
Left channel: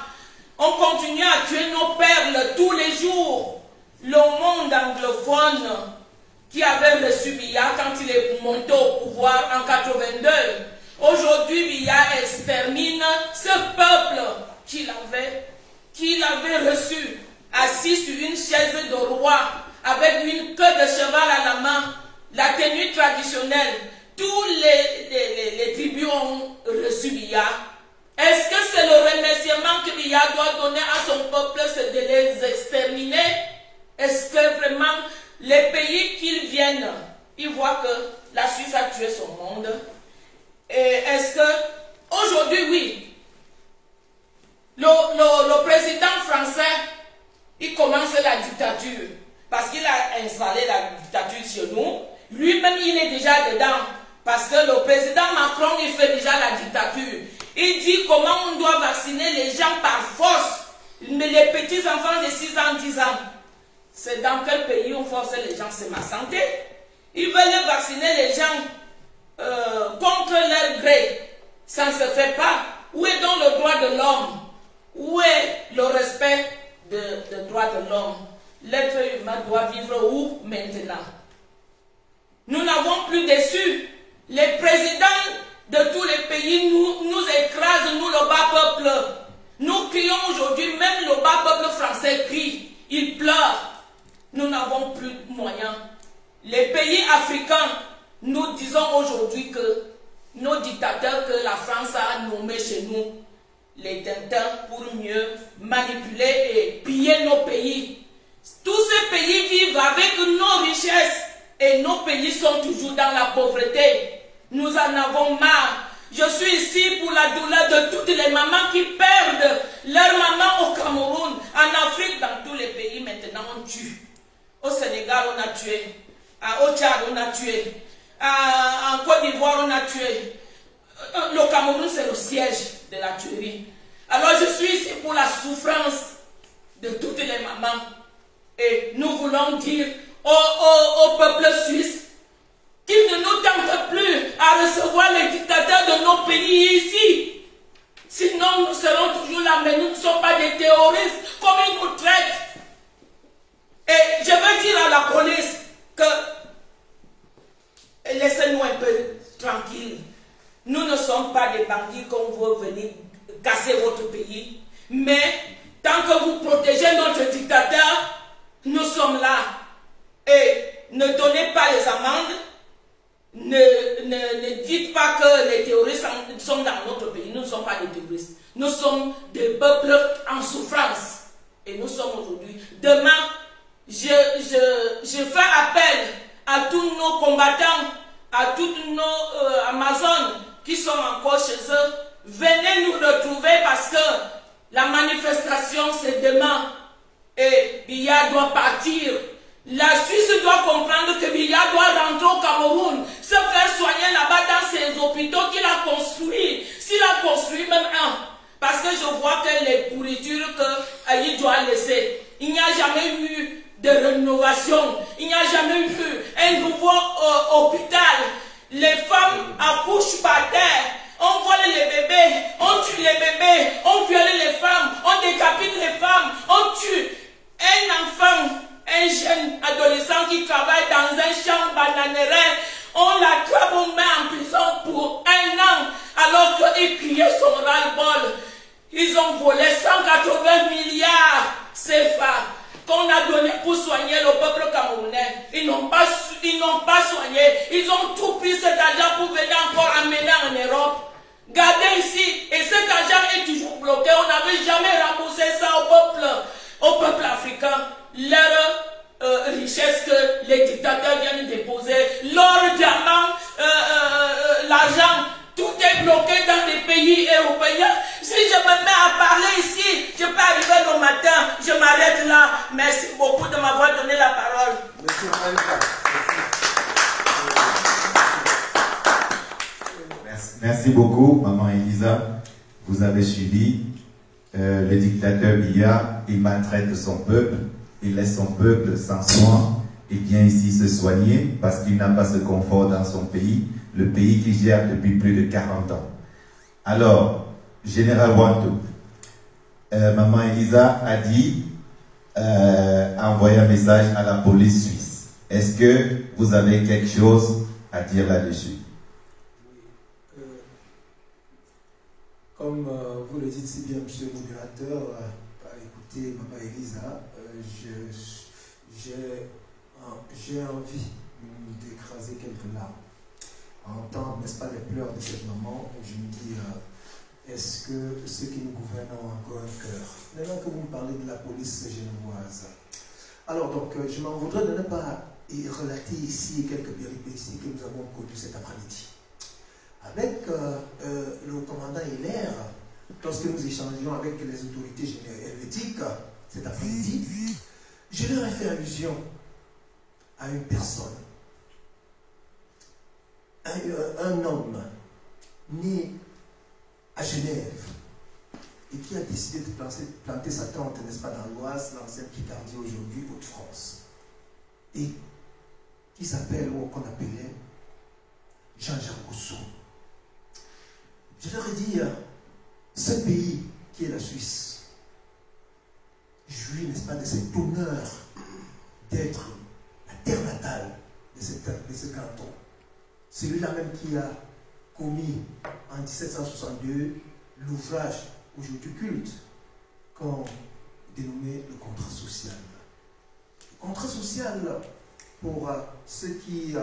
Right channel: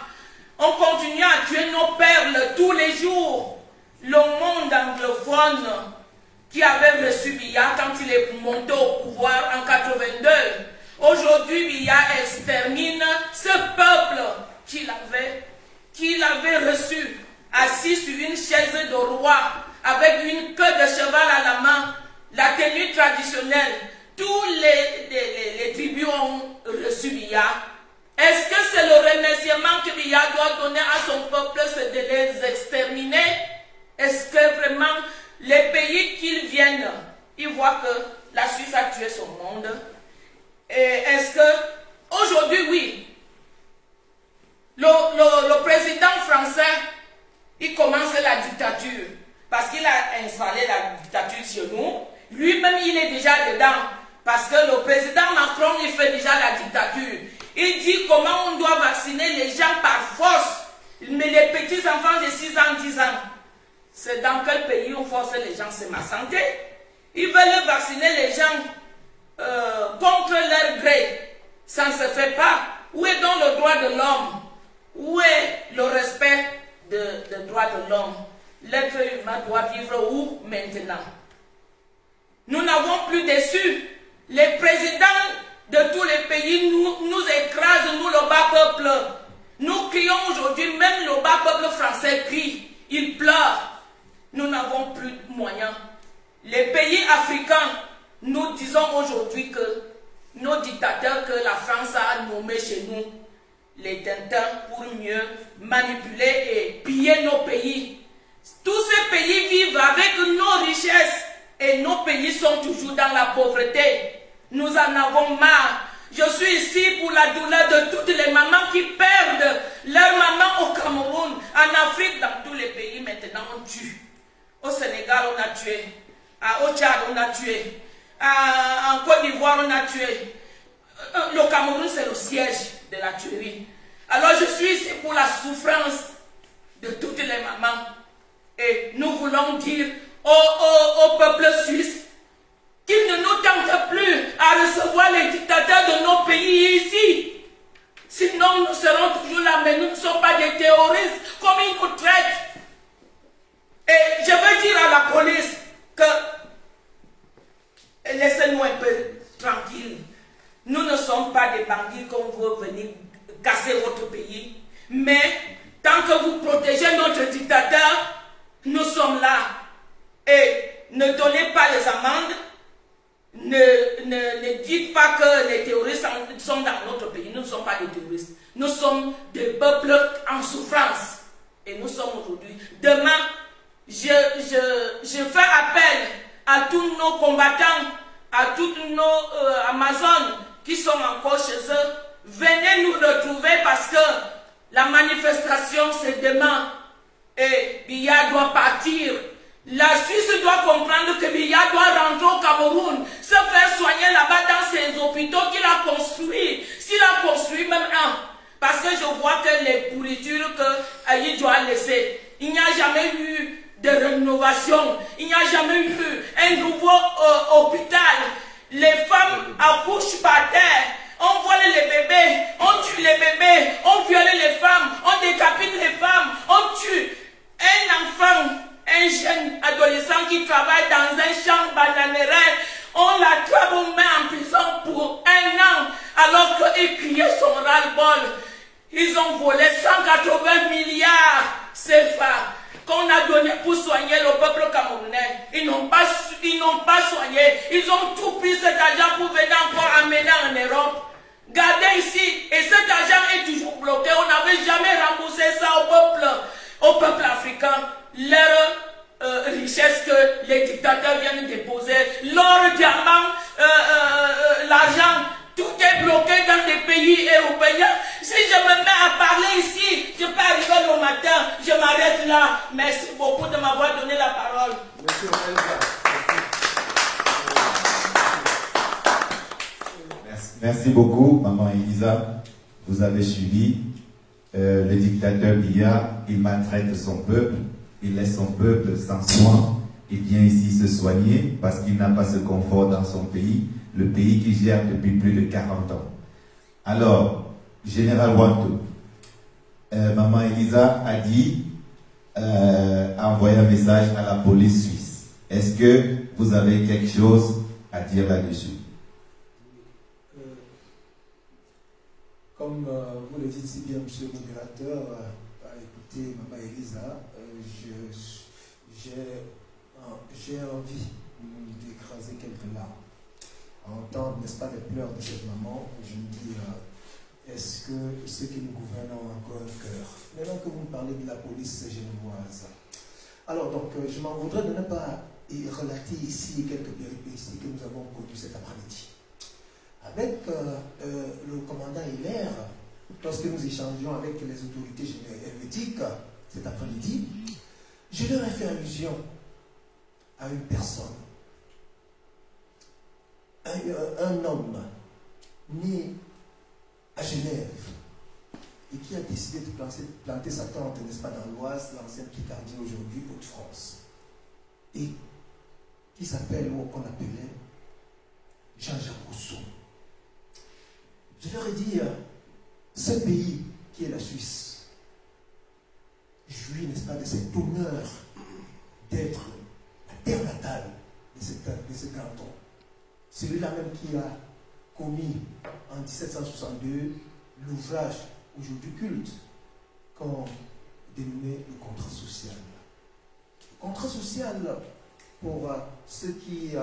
On continue à tuer nos perles tous les jours. Le monde anglophone qui avait reçu Biya quand il est monté au pouvoir en 82. Aujourd'hui, Biya extermine ce peuple qu'il avait reçu, assis sur une chaise de roi, avec une queue de cheval à la main, la tenue traditionnelle. Tous les tribus ont reçu Biya. Est-ce que c'est le remerciement que Biya doit donner à son peuple, c'est de les exterminer? Est-ce que vraiment les pays qu'ils viennent, ils voient que la Suisse a tué son monde? Est-ce que aujourd'hui, oui, le président français, il commence la dictature parce qu'il a installé la dictature chez nous. Lui-même, il est déjà dedans parce que le président Macron, il fait déjà la dictature. Il dit comment on doit vacciner les gens par force, mais les petits enfants de 6 ans, 10 ans. C'est dans quel pays on force les gens? C'est ma santé. Ils veulent vacciner les gens contre leur gré. Ça ne se fait pas. Où est donc le droit de l'homme? Où est le respect des droits de l'homme? L'être humain doit vivre où maintenant? Nous n'avons plus déçu. Les présidents de tous les pays nous écrasent, nous le bas peuple. Nous crions aujourd'hui, même le bas peuple français crie. Il pleure. Nous n'avons plus de moyens. Les pays africains, nous disons aujourd'hui que nos dictateurs que la France a nommés chez nous, les tintins, pour mieux manipuler et piller nos pays. Tous ces pays vivent avec nos richesses et nos pays sont toujours dans la pauvreté. Nous en avons marre. Je suis ici pour la douleur de toutes les mamans qui perdent leur maman au Cameroun, en Afrique, dans tous les pays. Maintenant, on tue. Au Sénégal, on a tué. Au Tchad, on a tué. En Côte d'Ivoire, on a tué. Le Cameroun, c'est le siège de la tuerie. Alors, je suis ici pour la souffrance de toutes les mamans. Et nous voulons dire au peuple suisse qu'il ne nous tente plus à recevoir les dictateurs de nos pays ici. Sinon, nous serons toujours là, mais nous ne sommes pas des terroristes, comme ils nous traitent. Et je veux dire à la police que laissez-nous un peu tranquilles. Nous ne sommes pas des bandits qu'on veut venir casser votre pays. Mais tant que vous protégez notre dictateur, nous sommes là. Et ne donnez pas les amendes. Ne dites pas que les terroristes sont dans notre pays. Nous ne sommes pas des terroristes. Nous sommes des peuples en souffrance. Et nous sommes aujourd'hui. Demain, je fais appel à tous nos combattants, à toutes nos Amazones qui sont encore chez eux. Venez nous retrouver parce que la manifestation c'est demain. Et Biya doit partir. La Suisse doit comprendre que Biya doit rentrer au Cameroun, se faire soigner là-bas dans ses hôpitaux qu'il a construits. S'il a construit même un. Parce que je vois que les pourritures qu'il doit laisser, il n'y a jamais eu de rénovation, il n'y a jamais eu un nouveau hôpital. accouche par terre, on vole les bébés, on tue les bébés, on viole les femmes, on décapite les femmes, on tue un enfant, un jeune adolescent qui travaille dans un champ bananéraire, on l'attrape, on met en prison pour 1 an, alors qu'il criait son ras-le-bol. Ils ont volé 180 milliards CFA qu'on a donné pour soigner le peuple camerounais. Ils n'ont pas soigné. Ils ont tout pris cet argent pour venir encore amener en Europe. Gardez ici. Et cet argent est toujours bloqué. On n'avait jamais remboursé ça au peuple africain. Leur richesse que les dictateurs viennent déposer. L'or, diamant, l'argent. Tout est bloqué dans des pays européens. Si je me mets à parler ici, je peux arriver le matin, je m'arrête là. Merci beaucoup de m'avoir donné la parole. Merci beaucoup, Maman Elisa. Vous avez suivi le dictateur Biya. Il maltraite son peuple, il laisse son peuple sans soin. Il vient ici se soigner parce qu'il n'a pas ce confort dans son pays, le pays qu'il gère depuis plus de 40 ans. Alors, Général Wanto, Maman Elisa a dit, a envoyé un message à la police suisse. Est-ce que vous avez quelque chose à dire là-dessus? Comme vous le dites si bien, monsieur le modérateur, écoutez, Maman Elisa, j'ai envie d'écraser quelques larmes. À entendre, n'est-ce pas, les pleurs de cette maman, je me dis, est-ce que ceux qui nous gouvernent ont encore un cœur? Maintenant que vous me parlez de la police genevoise. Alors, donc, je m'en voudrais de ne pas relater ici quelques péripéties que nous avons connues cet après-midi. Avec le commandant Hilaire, lorsque nous échangions avec les autorités helvétiques cet après-midi, je leur ai fait allusion à une personne, un homme né à Genève et qui a décidé de planter sa tente, n'est-ce pas, dans l'Oise, l'ancienne Picardie, aujourd'hui Hauts-de-France, et qui s'appelle, ou qu'on appelait, Jean-Jacques Rousseau. Je leur ai dit, ce pays qui est la Suisse jouit, n'est-ce pas, de cet honneur d'être la terre natale de ce canton. Celui-là même qui a commis en 1762 l'ouvrage aujourd'hui culte qu'on dénommait le contrat social. Le contrat social, pour ceux qui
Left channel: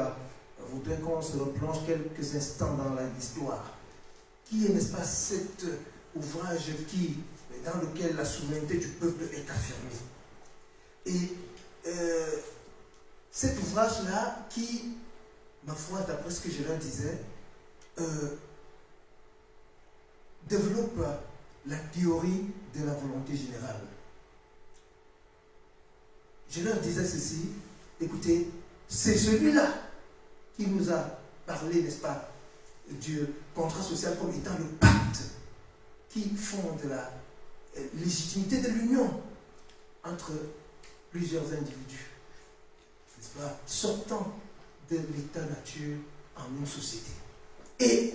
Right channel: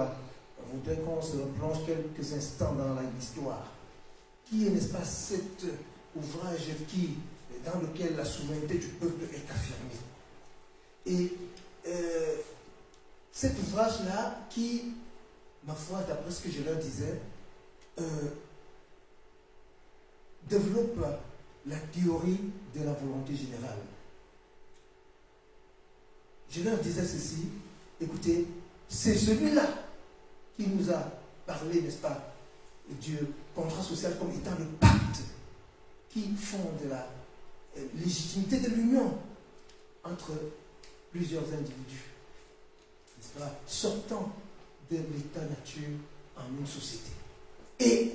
voudraient qu'on se replonge quelques instants dans l'histoire, qui est, n'est-ce pas, cet ouvrage dans lequel la souveraineté du peuple est affirmée. Et cet ouvrage-là qui, ma foi, d'après ce que je leur disais, développe la théorie de la volonté générale. Je leur disais ceci, écoutez, c'est celui-là qui nous a parlé, n'est-ce pas, du contrat social comme étant le pacte qui fonde la légitimité de l'union entre plusieurs individus, n'est-ce pas, sortant de l'état nature en une société. Et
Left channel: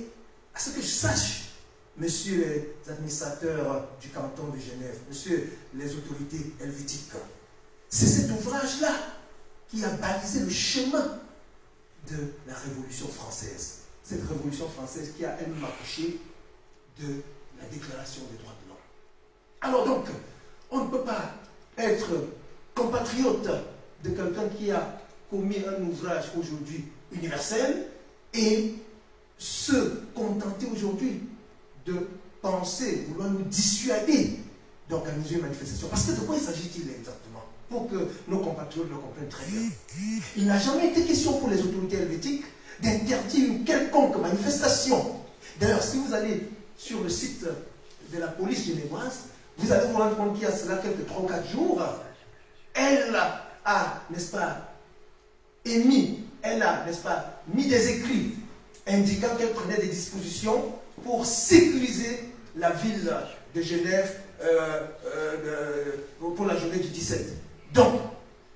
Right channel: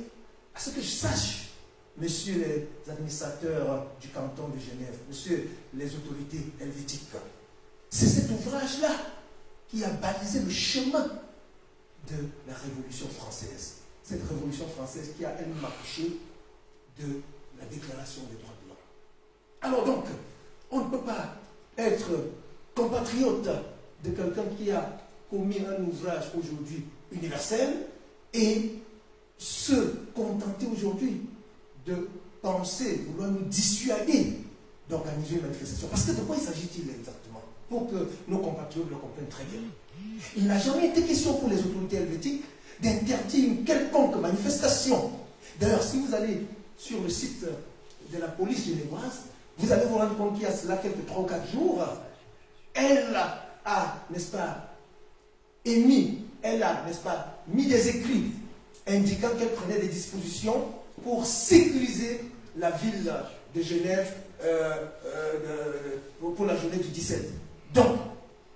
à ce que je sache, messieurs les administrateurs du canton de Genève, messieurs les autorités helvétiques, c'est cet ouvrage-là qui a balisé le chemin de la Révolution française. Cette Révolution française qui a elle-même accouché de la Déclaration des droits de l'homme. Alors donc, on ne peut pas être compatriote de quelqu'un qui a commis un ouvrage aujourd'hui universel et se contenter aujourd'hui de penser, vouloir nous dissuader d'organiser une manifestation. Parce que de quoi il s'agit-il exactement? Pour que nos compatriotes le comprennent très bien. Il n'a jamais été question pour les autorités helvétiques d'interdire une quelconque manifestation. D'ailleurs, si vous allez sur le site de la police genevoise, vous allez vous rendre compte qu'il y a cela quelques 3 ou 4 jours, elle a, n'est-ce pas, n'est-ce pas, mis des écrits indiquant qu'elle prenait des dispositions pour sécuriser la ville de Genève pour la journée du 17. Donc,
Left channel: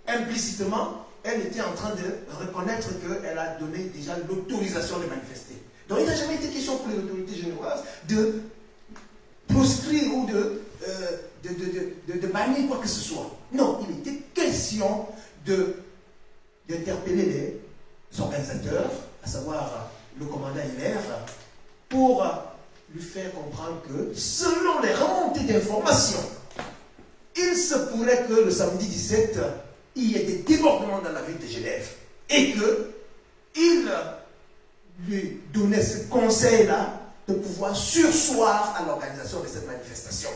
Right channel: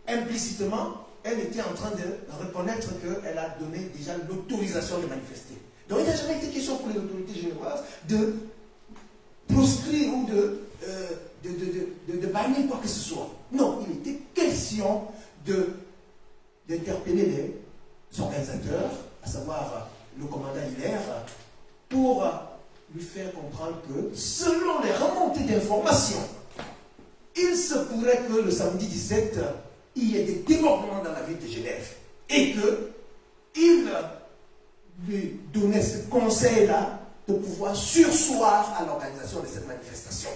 implicitement, elle était en train de reconnaître qu'elle a donné déjà l'autorisation de manifester. Donc il n'a jamais été question pour les autorités génoises de proscrire ou de bannir quoi que ce soit. Non, il était question d'interpeller les organisateurs, à savoir le commandant Hilaire, pour lui faire comprendre que selon les remontées d'informations, il se pourrait que le samedi 17, il y ait des débordements dans la ville de Genève et qu'il lui donnait ce conseil-là de pouvoir surseoir à l'organisation de cette manifestation.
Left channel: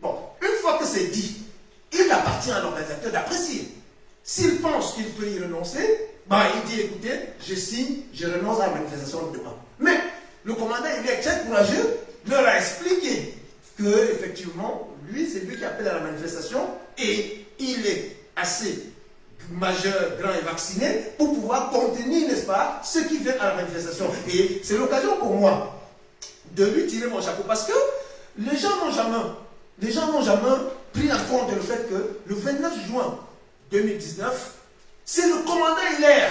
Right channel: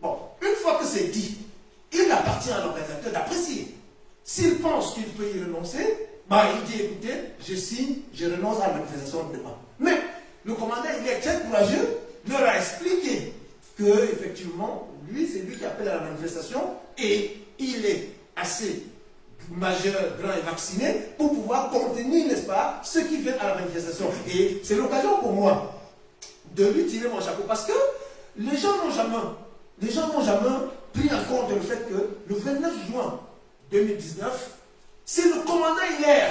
Bon, une fois que c'est dit, il appartient à l'organisateur d'apprécier. S'il pense qu'il peut y renoncer, bah, il dit, écoutez, je signe, je renonce à la manifestation de demain. Mais le commandant, il est très courageux, leur a expliqué que, effectivement, lui, c'est lui qui appelle à la manifestation et il est assez majeur, grand et vacciné pour pouvoir contenir, n'est-ce pas, ceux qui viennent à la manifestation. Et c'est l'occasion pour moi de lui tirer mon chapeau parce que les gens n'ont jamais pris en compte le fait que le 29 juin 2019, c'est le commandant Hilaire,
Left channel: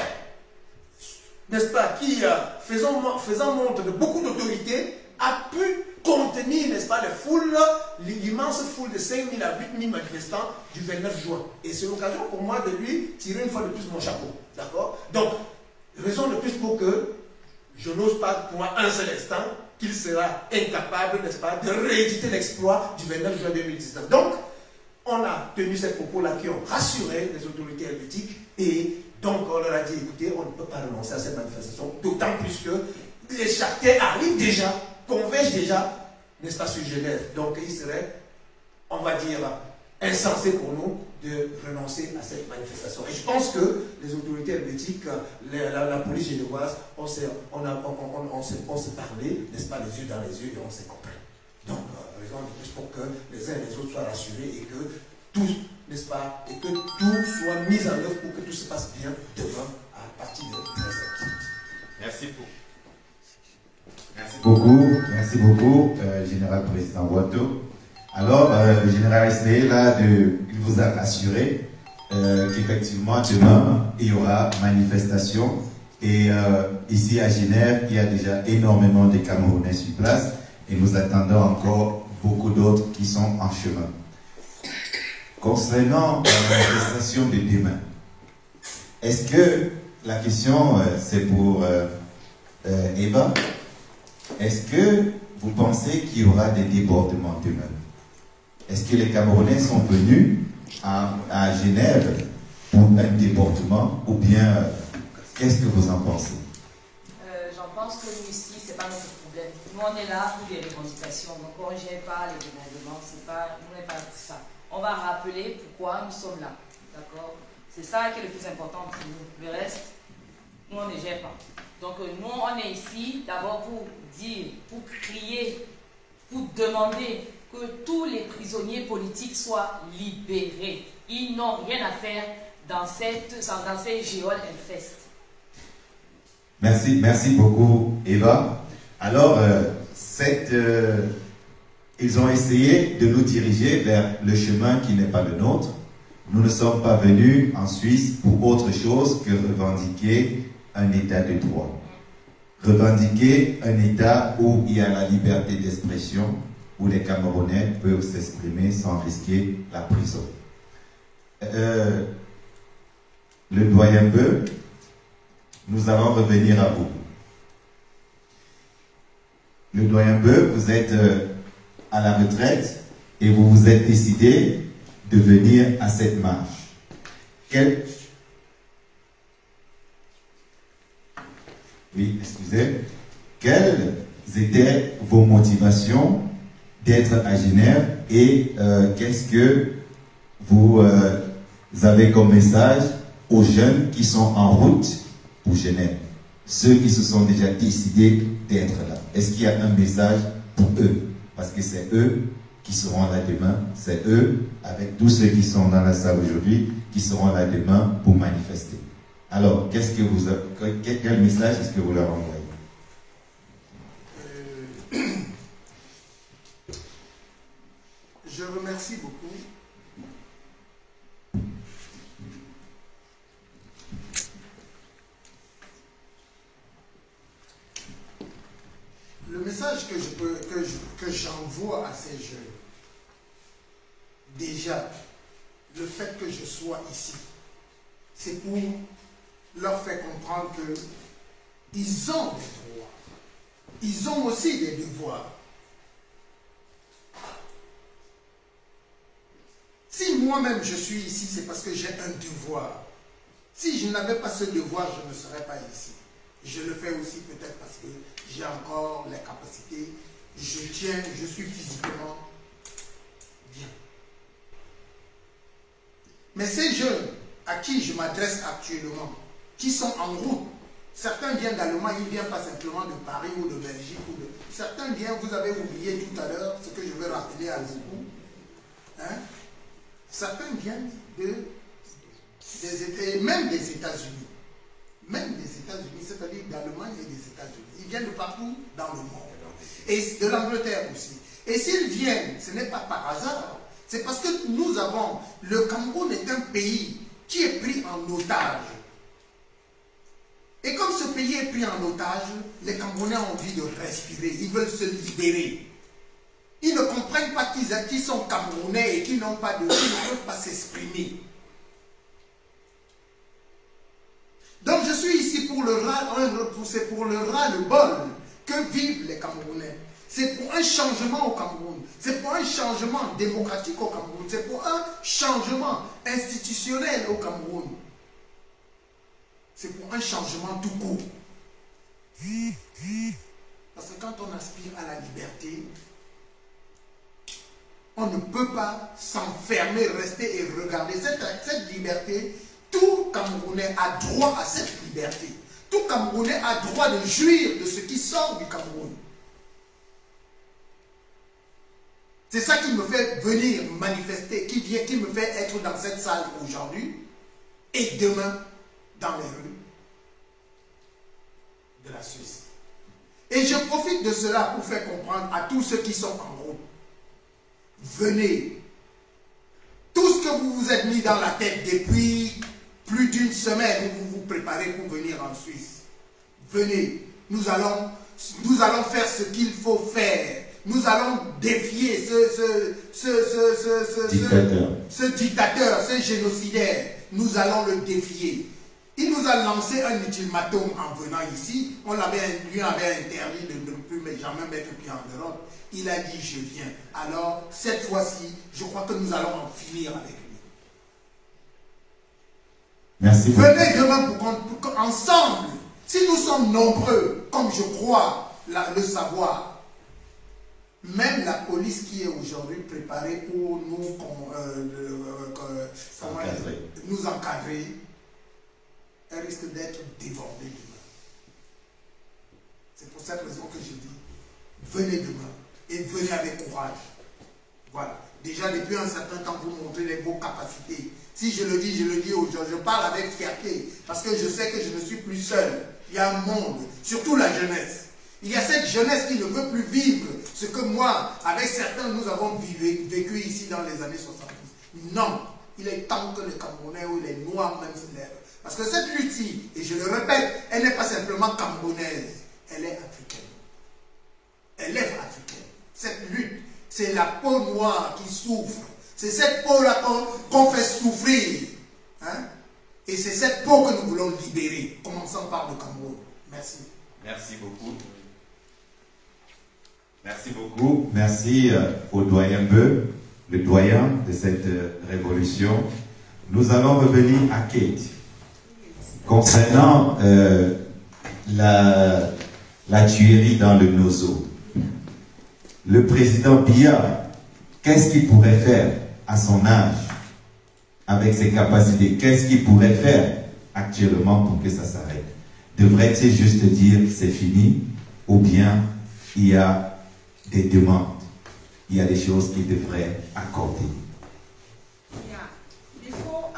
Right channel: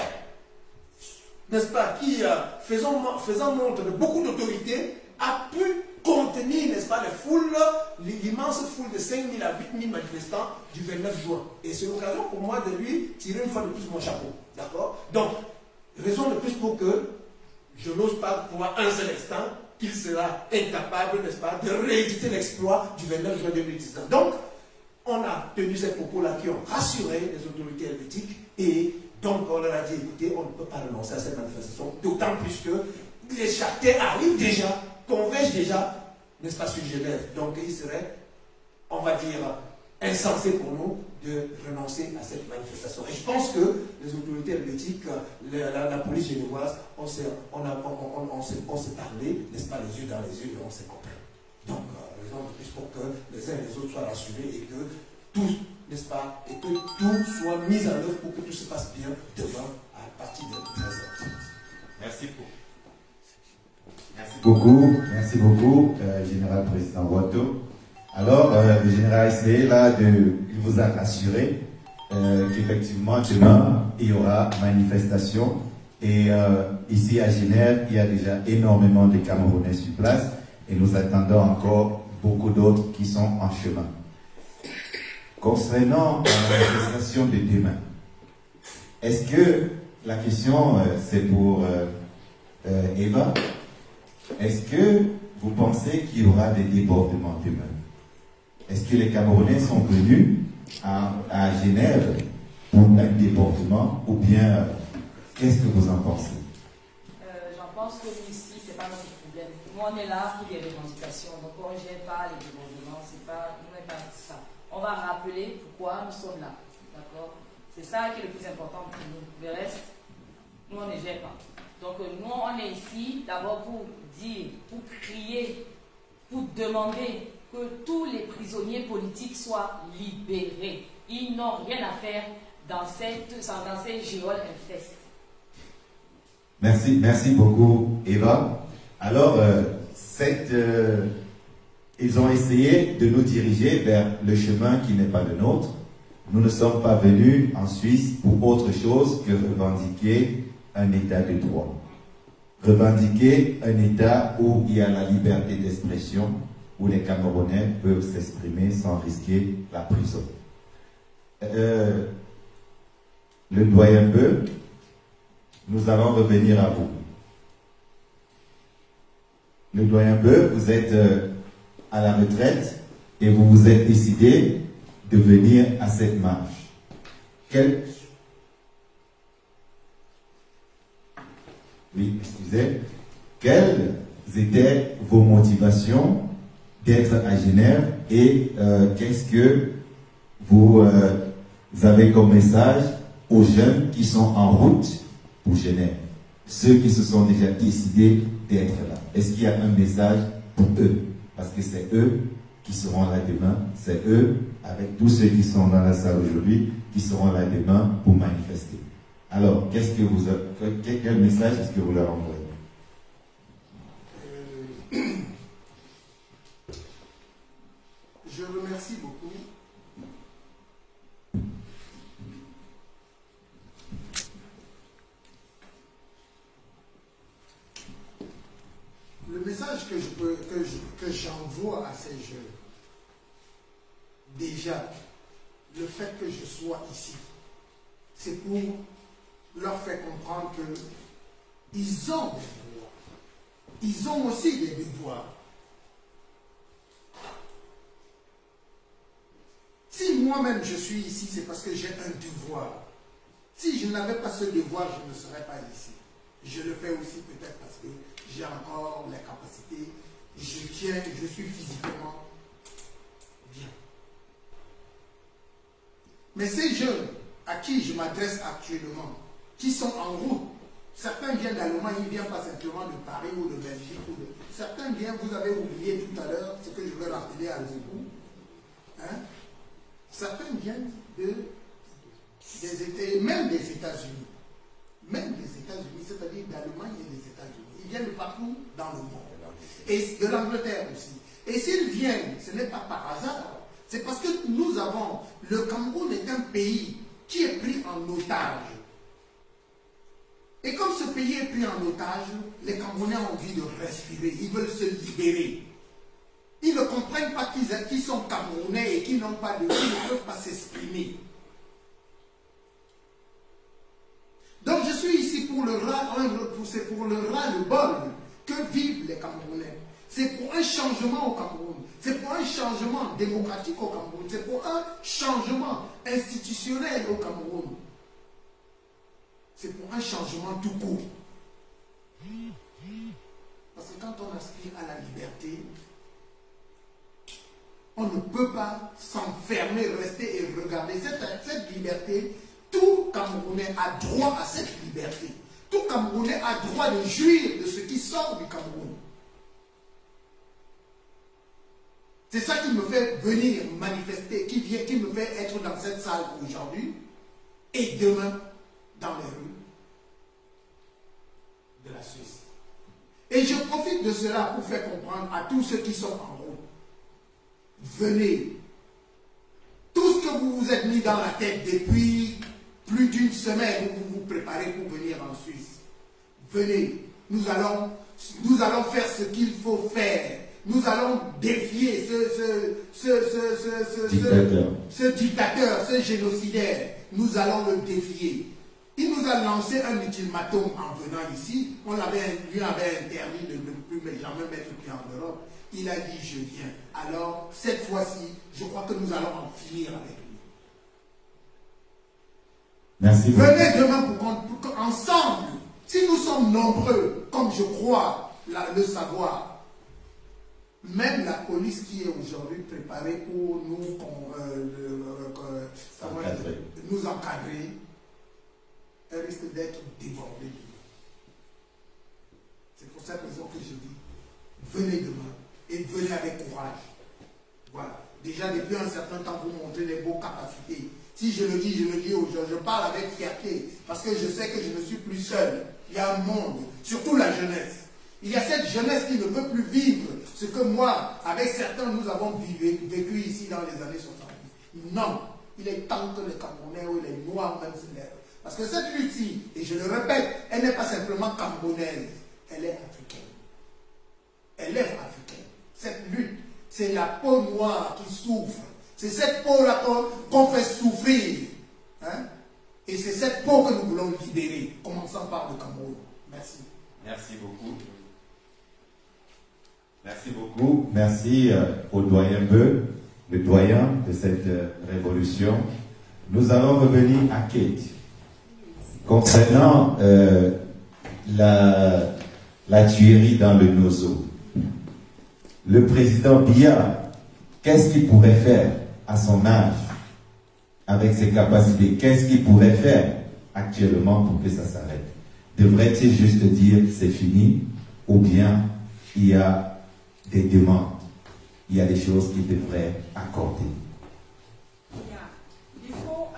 n'est-ce pas, qui, faisant montre de beaucoup d'autorité, a pu contenir, n'est-ce pas, les foules, l'immense foule de 5 000 à 8 000 manifestants du 29 juin. Et c'est l'occasion pour moi de lui tirer une fois de plus mon chapeau. D'accord? Donc, raison de plus pour que je n'ose pas croire un seul instant qu'il sera incapable, n'est-ce pas, de rééditer l'exploit du 29 juin 2019. Donc, on a tenu ces propos-là qui ont rassuré les autorités helvétiques et donc on leur a dit, écoutez, on ne peut pas renoncer à cette manifestation, d'autant plus que les charters arrivent déjà, convergent déjà, n'est-ce pas, sur Genève. Donc il serait, on va dire, insensé pour nous de renoncer à cette manifestation. Et je pense que les autorités helvétiques, la police génoise, on s'est parlé, n'est-ce pas, les yeux dans les yeux et on s'est compris. Donc, raison de plus pour que les uns et les autres soient rassurés et que tout, n'est-ce pas, et que tout soit mis en œuvre pour que tout se passe bien demain à partir de 13h. Merci beaucoup. Merci beaucoup, Général Président Ouatto. Alors, le général a essayé là il vous a rassuré qu'effectivement demain il y aura manifestation et ici à Genève il y a déjà énormément de Camerounais sur place et nous attendons encore beaucoup d'autres qui sont en chemin. Concernant la manifestation de demain, est-ce que la question c'est pour Eva? Est-ce que vous pensez qu'il y aura des débordements demain? Est-ce que les Camerounais sont venus à Genève pour un débordement ou bien qu'est-ce que vous en pensez? J'en pense que nous ici, ce n'est pas notre problème. Nous, on est là pour des revendications. Donc, on ne gère pas les débordements. Nous n'est pas ça. On va rappeler pourquoi nous sommes là. D'accord? C'est ça qui est le plus important pour nous. Le reste, nous, on ne gère pas. Donc, nous, on est ici d'abord pour dire, pour crier, pour demander que tous les prisonniers politiques soient libérés. Ils n'ont rien à faire dans ces géoles infestes. Merci beaucoup, Eva. Alors, ils ont essayé de nous diriger vers le chemin qui n'est pas le nôtre. Nous ne sommes pas venus en Suisse pour autre chose que revendiquer un état de droit. Revendiquer un état où il y a la liberté d'expression, où les Camerounais peuvent s'exprimer sans risquer la prison. Le doyen Beu, nous allons revenir à vous. Le doyen Beu, vous êtes à la retraite et vous vous êtes décidé de venir à cette marche. Quelles étaient vos motivations d'être à Genève et qu'est-ce que vous avez comme message aux jeunes qui sont en route pour Genève, ceux qui se sont déjà décidés d'être là? Est-ce qu'il y a un message pour eux? Parce que c'est eux qui seront là demain, c'est eux, avec tous ceux qui sont dans la salle aujourd'hui, qui seront là demain pour manifester. Alors, quel message est-ce que vous leur envoyez? Je remercie beaucoup. le message que j'envoie à ces jeunes, déjà, le fait que je sois ici, c'est pour leur faire comprendre qu'ils ont des droits. Ils ont aussi des devoirs. Si moi-même je suis ici, c'est parce que j'ai un devoir. Si je n'avais pas ce devoir, je ne serais pas ici. Je le fais aussi peut-être parce que j'ai encore les capacités. Je tiens, je suis physiquement bien. Mais ces jeunes à qui je m'adresse actuellement, qui sont en route, certains viennent d'Allemagne, ils ne viennent pas simplement de Paris ou de Belgique. Certains viennent, vous avez oublié tout à l'heure, ce que je vais rappeler à beaucoup. Hein? Certains viennent même des États-Unis. Même des États-Unis, c'est-à-dire d'Allemagne et des États-Unis. Ils viennent de partout dans le monde. Et de l'Angleterre aussi. Et s'ils viennent, ce n'est pas par hasard. C'est parce que nous avons... Le Cameroun est un pays qui est pris en otage. Et comme ce pays est pris en otage, les Camerounais ont envie de respirer. Ils veulent se libérer. Ils ne comprennent pas qu'ils sont Camerounais et qu'ils n'ont pas de... Ils ne peuvent pas s'exprimer. Donc je suis ici pour le ras-le-bol que vivent les Camerounais. C'est pour un changement au Cameroun. C'est pour un changement démocratique au Cameroun. C'est pour un changement institutionnel au Cameroun. C'est pour un changement tout court. Parce que quand on aspire à la liberté, on ne peut pas s'enfermer, rester et regarder. Cette liberté, tout Camerounais a droit à cette liberté. Tout Camerounais a droit de jouir de ce qui sort du Cameroun. C'est ça qui me fait venir manifester, qui me fait être dans cette salle aujourd'hui et demain dans les rues de la Suisse. Et je profite de cela pour faire comprendre à tous ceux qui sont en route. Venez. Tout ce que vous vous êtes mis dans la tête depuis plus d'une semaine où vous vous préparez pour venir en Suisse. Venez. Nous allons faire ce qu'il faut faire. Nous allons défier ce dictateur, ce génocidaire. Nous allons le défier. Il nous a lancé un ultimatum en venant ici. On lui avait interdit de ne plus jamais mettre pied en Europe. Il a dit je viens. Alors cette fois-ci, je crois que nous allons en finir avec lui. Merci. Venez demain pour qu'ensemble, si nous sommes nombreux, comme je crois le savoir, même la police qui est aujourd'hui préparée pour nous encadrer, elle risque d'être débordée demain. C'est pour cette raison que je dis, venez demain et venez avec courage. Voilà. Déjà depuis un certain temps, vous montrez les beaux capacités. Si je le dis aujourd'hui, je parle avec fierté parce que je sais que je ne suis plus seul. Il y a un monde, surtout la jeunesse. Il y a cette jeunesse qui ne veut plus vivre ce que moi, avec certains, nous avons vécu ici dans les années 70. Non, il est temps que les Camerounais ou les Noirs même se lèvent. Parce que cette lutte-ci, et je le répète, elle n'est pas simplement camerounaise, elle est africaine. Elle est africaine. Cette lutte, c'est la peau noire qui souffre. C'est cette peau-là qu'on fait souffrir. Hein? Et c'est cette peau que nous voulons libérer, commençant par le Cameroun. Merci. Merci beaucoup. Merci beaucoup. Merci au doyen Beu, le doyen de cette révolution. Nous allons revenir à Kate. Concernant la tuerie dans le Nozo, le président Biya, qu'est-ce qu'il pourrait faire à son âge, avec ses capacités? Qu'est-ce qu'il pourrait faire actuellement pour que ça s'arrête? Devrait-il juste dire c'est fini, ou bien il y a des demandes, il y a des choses qu'il devrait accorder? Before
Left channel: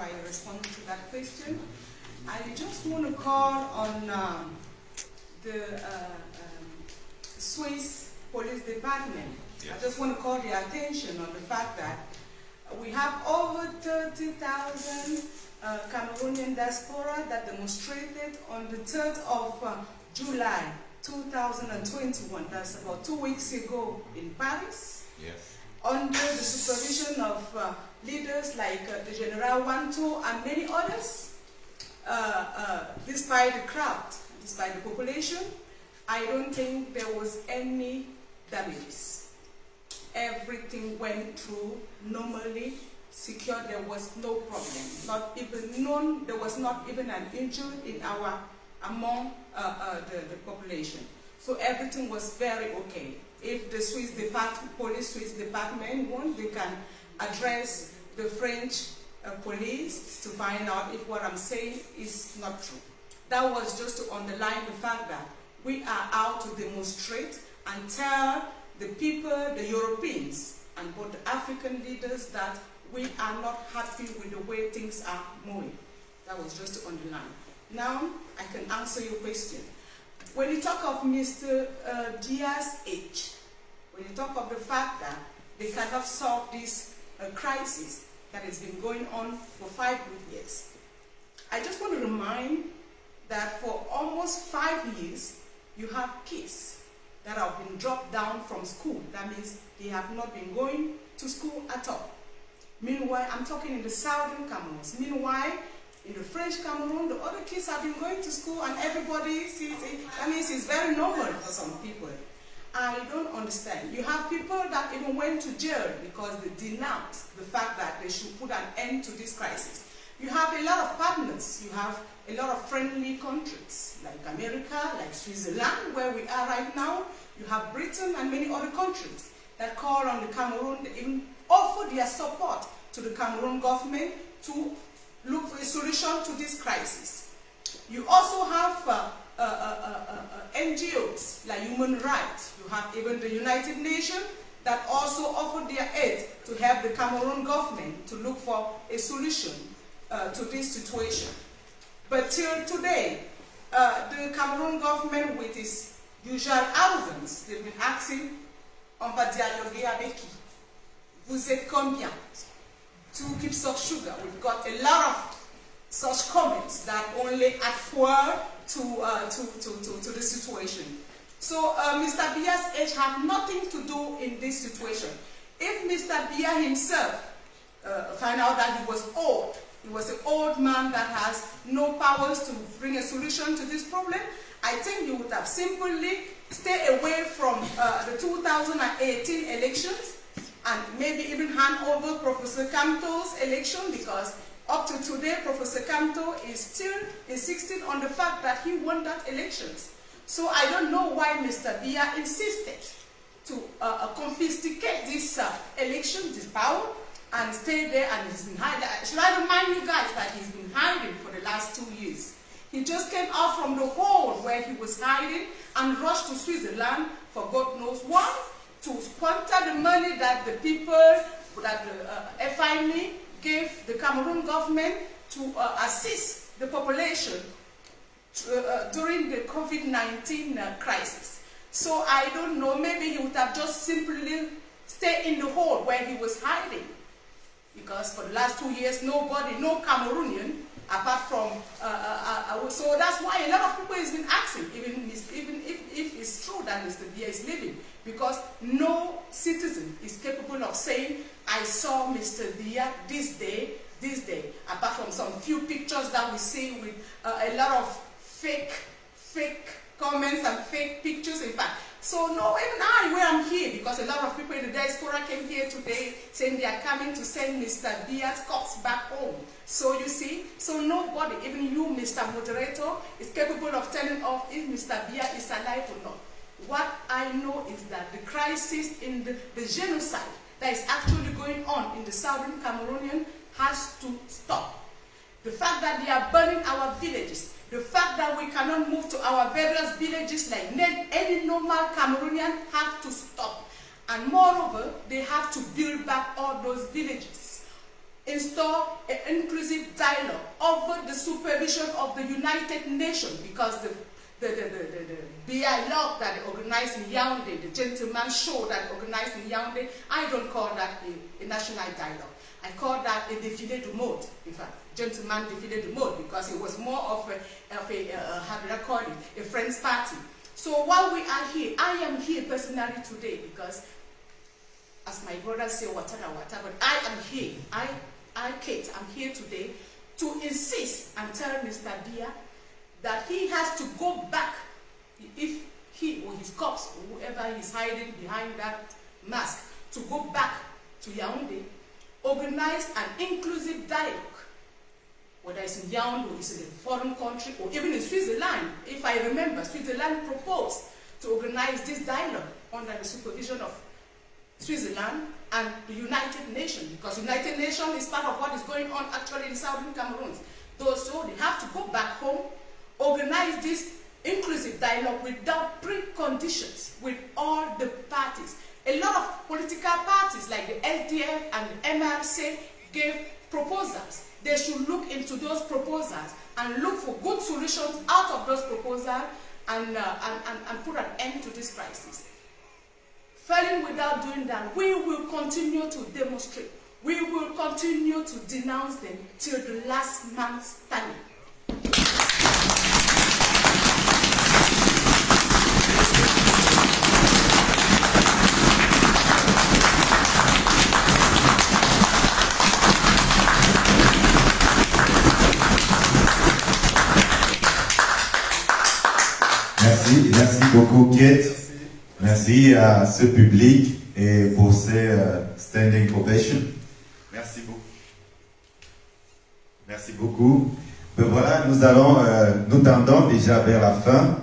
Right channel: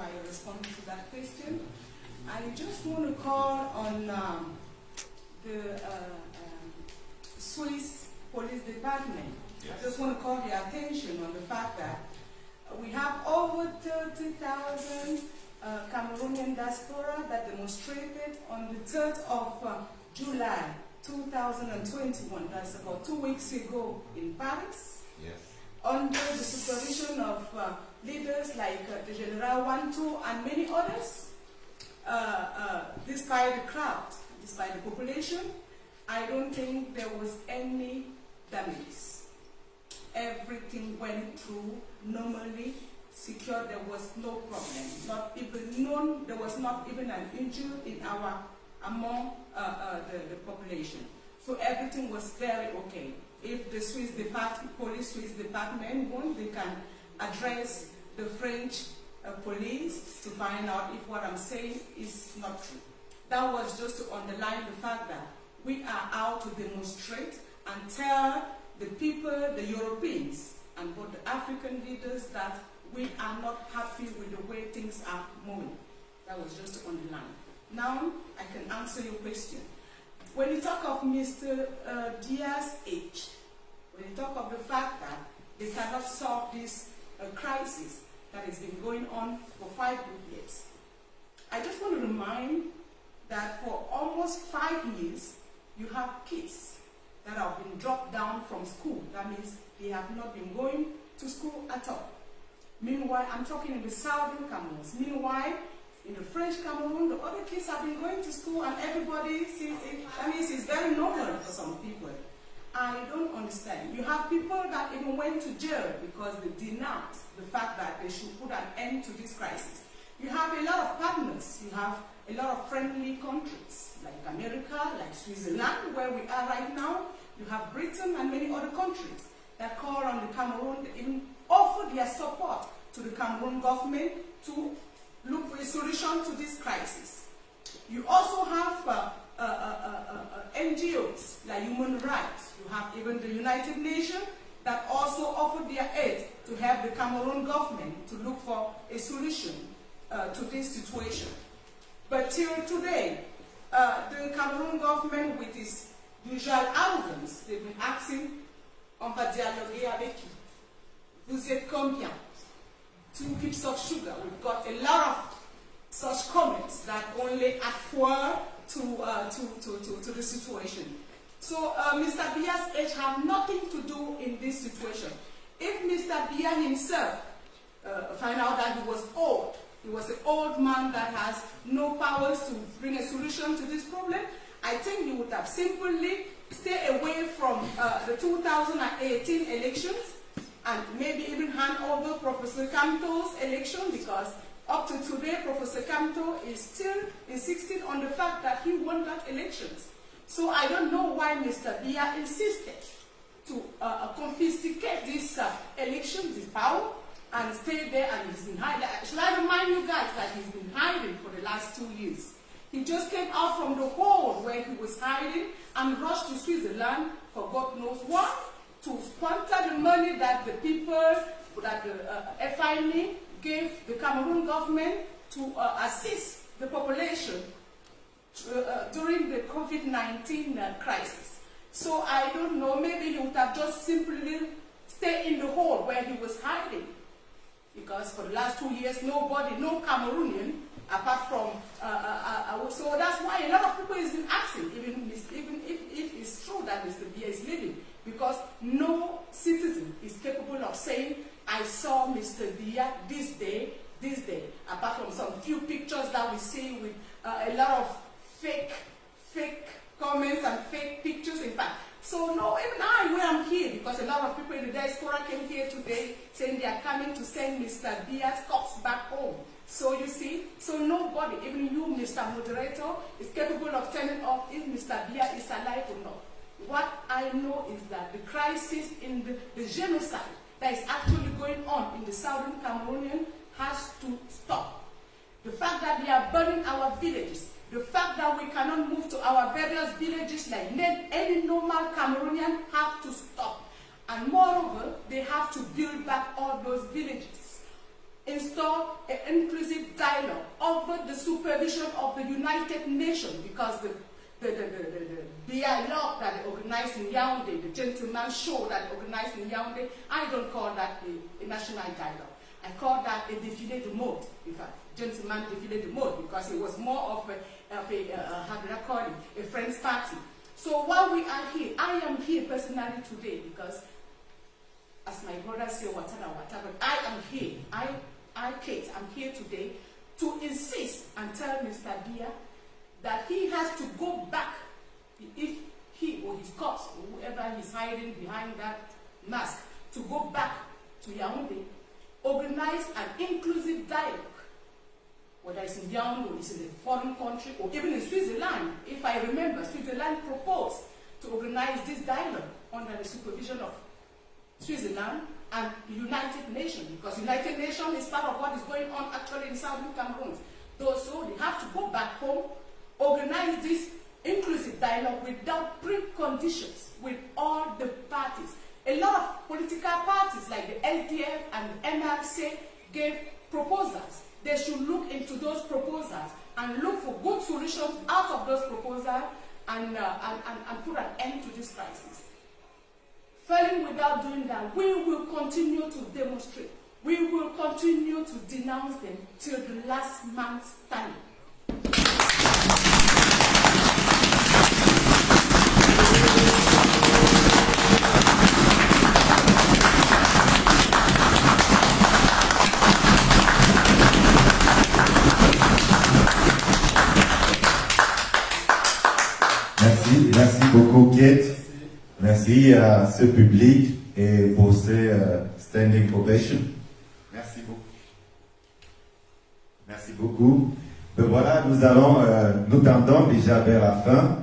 I respond to that question, I just want to call on the Swiss Police Department. Yes. I just want to call the attention on the fact that we have over 30,000 Cameroonian diaspora that demonstrated on the 3rd of July 2021, that's about 2 weeks ago in Paris. Yes. Under the supervision of leaders like the General Wantu and many others, despite the crowd, despite the population, I don't think there was any damages. Everything went through normally, secure. There was no problem. Not even known. There was not even an injury among the population. So everything was very okay. If the Swiss police department want, they can address the French police to find out if what I'm saying is not true. That was just to underline the fact that we are out to demonstrate and tell the people, the Europeans, and both the African leaders that we are not happy with the way things are moving. That was just to underline. Now, I can answer your question. When you talk of Mr. Diaz's age, when you talk of the fact that they cannot solve this crisis that has been going on for 5 years, I just want to remind that for almost 5 years, you have kids that have been dropped down from school. That means they have not been going to school at all. Meanwhile, I'm talking in the southern Cameroon. Meanwhile, in the French Cameroon, the other kids have been going to school and everybody sees it. That means it's very normal for some people. I don't understand. You have people that even went to jail because they denounced the fact that they should put an end to this crisis. You have a lot of partners. You have a lot of friendly countries like America, like Switzerland, where we are right now. You have Britain and many other countries that call on the Cameroon, they even offer their support to the Cameroon government to look for a solution to this crisis. You also have NGOs like Human Rights. You have even the United Nations that also offer their aid to help the Cameroon government to look for a solution to this situation. But till today, the Cameroon government, with its usual arrogance, they've been asking, on va dialoguer avec qui? Vous êtes combien? 2 cups of sugar. We've got a lot of such comments that only add fuel to the situation. So Mr. Biya's age have nothing to do in this situation. If Mr. Biya himself find out that he was old, he was an old man that has no powers to bring a solution to this problem, I think he would have simply stayed away from the 2018 elections and maybe even hand over Professor Kamto's election, because up to today, Professor Kamto is still insisting on the fact that he won that elections. So I don't know why Mr. Biya insisted to confiscate this election, this power, and stay there, and he's been hiding. Should I remind you guys that he's been hiding for the last 2 years? He just came out from the hole where he was hiding and rushed to Switzerland for God knows what, to sponsor the money that the people, that the FIME gave the Cameroon government to assist the population during the COVID-19 crisis. So I don't know, maybe he would have just simply stayed in the hole where he was hiding. Because for the last 2 years, nobody, no Cameroonian, apart from, so that's why a lot of people has been asking, even if it's true that Mr. Biya is living, because no citizen is capable of saying, I saw Mr. Biya this day, apart from some few pictures that we see with a lot of fake comments and fake pictures, in fact. So no, even I, where I'm here, because a lot of people in the diaspora came here today saying they are coming to send Mr. Biya's corpse back home. So you see, so nobody, even you, Mr. Moderator, is capable of telling us if Mr. Biya is alive or not. What I know is that the crisis in the genocide that is actually going on in the southern Cameroonian has to stop. The fact that they are burning our villages, the fact that we cannot move to our various villages like any normal Cameroonian, have to stop. And moreover, they have to build back all those villages. Install an inclusive dialogue over the supervision of the United Nations, because the dialogue that they organized in Yaoundé, the gentleman show that they organized in Yaoundé, I don't call that a national dialogue. I call that a défilé de mode. In fact, gentleman défilé de mode, because it was more of how do I call it, a friend's party. So while we are here, I am here personally today because, as my brother say, whatever, but I am here. Kate, I'm here today to insist and tell Mr. Biya that he has to go back, if he or his cops or whoever is hiding behind that mask, to go back to Yaoundé, organize an inclusive dialogue, whether it's in Yaoundé or it's in a foreign country or even in Switzerland. If I remember, Switzerland proposed to organize this dialogue under the supervision of Switzerland and the United Nations, because United Nations is part of what is going on actually in Southern Cameroon. So they have to go back home, organize this inclusive dialogue without preconditions with all the parties. A lot of political parties like the SDF and the MRC gave proposals. They should look into those proposals and look for good solutions out of those proposals and put an end to this crisis. Failing without doing that, we will continue to demonstrate. We will continue to denounce them till the last man standing. Merci beaucoup Kate. Merci à ce public et pour ces standing ovations. Merci beaucoup. Merci beaucoup. Voilà, nous tendons déjà vers la fin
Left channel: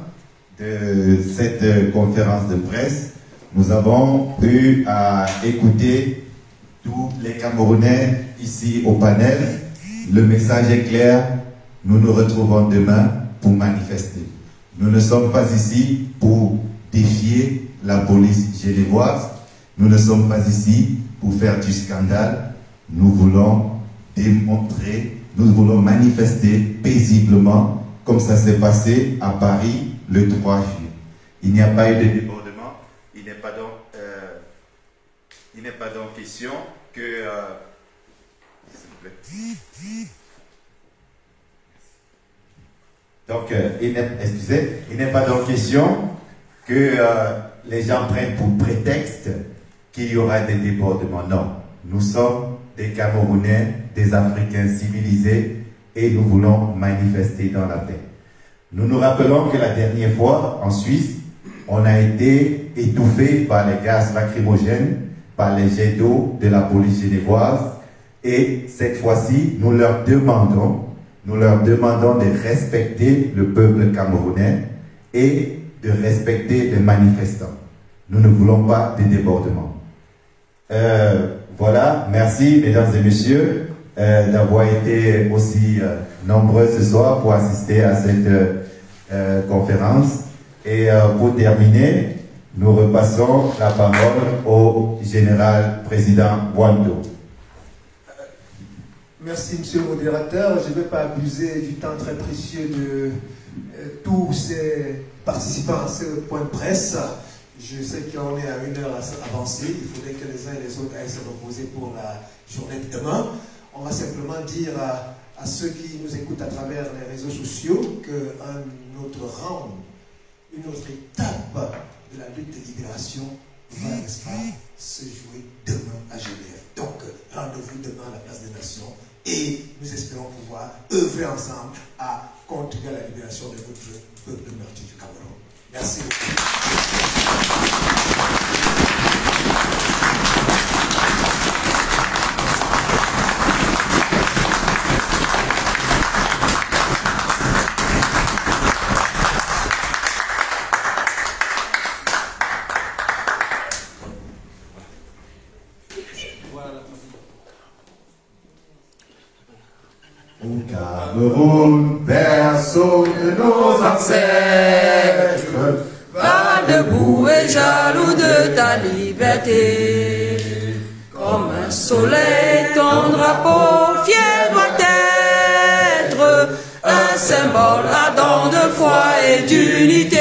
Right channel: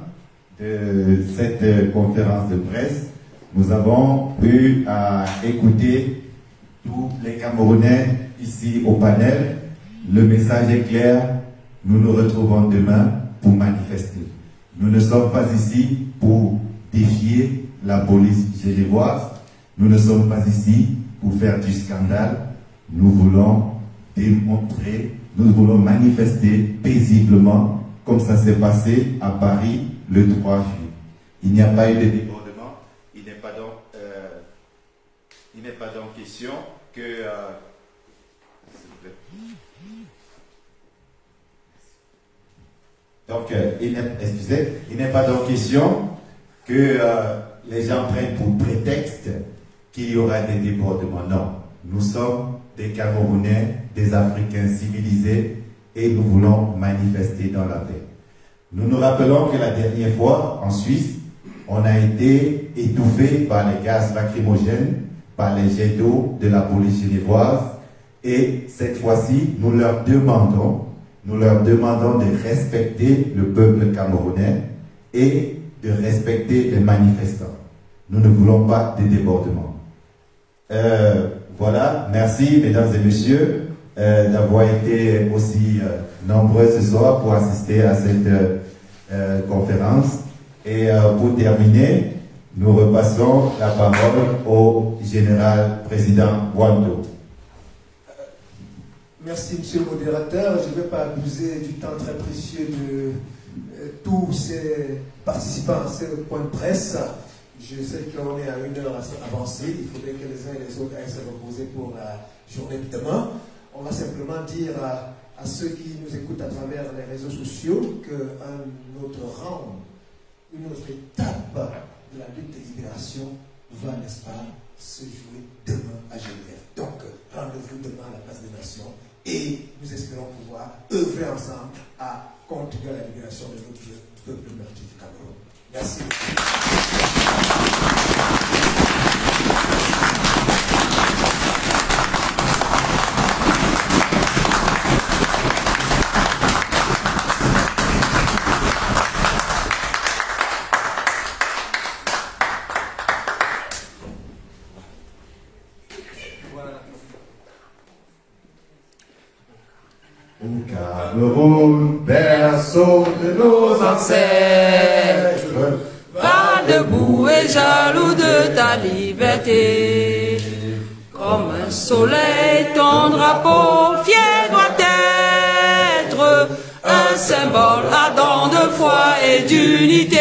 de cette conférence de presse. Nous avons eu à écouter tous les Camerounais ici au panel. Le message est clair. Nous nous retrouvons demain pour manifester. Nous ne sommes pas ici pour défier la police genevoise. Nous ne sommes pas ici pour faire du scandale. Nous voulons démontrer, nous voulons manifester paisiblement comme ça s'est passé à Paris le 3 juillet. Il n'y a pas eu de débordement. Il n'est pas donc question que... s'il vous plaît. Donc, il n'est pas donc question que les gens prennent pour prétexte qu'il y aura des débordements. Non, nous sommes des Camerounais, des Africains civilisés et nous voulons manifester dans la paix. Nous nous rappelons que la dernière fois, en Suisse, on a été étouffé par les gaz lacrymogènes, par les jets d'eau de la police genevoise et cette fois-ci, nous leur demandons de respecter le peuple camerounais et de respecter les manifestants. Nous ne voulons pas de débordements. Voilà, merci mesdames et messieurs d'avoir été aussi nombreux ce soir pour assister à cette conférence. Et pour terminer, nous repassons la parole au général président Wando. Merci, monsieur le modérateur. Je ne vais pas abuser du temps très précieux de tous ces participants à ce point de presse. Je sais qu'on est à une heure avancée. Il faudrait que les uns et les autres aillent se reposer pour la journée de demain. On va simplement dire à ceux qui nous écoutent à travers les réseaux sociaux qu'un autre round, une autre étape de la lutte de libération va, n'est-ce pas, se jouer demain à Genève. Donc, rendez-vous demain à la place des Nations. Et nous espérons pouvoir œuvrer ensemble à contribuer à la libération de notre peuple meurtri du Cameroun. Merci. Cameroun, berceau de nos ancêtres, va debout et jaloux de ta liberté. Comme un soleil, ton drapeau fier doit être un symbole ardent de foi et d'unité.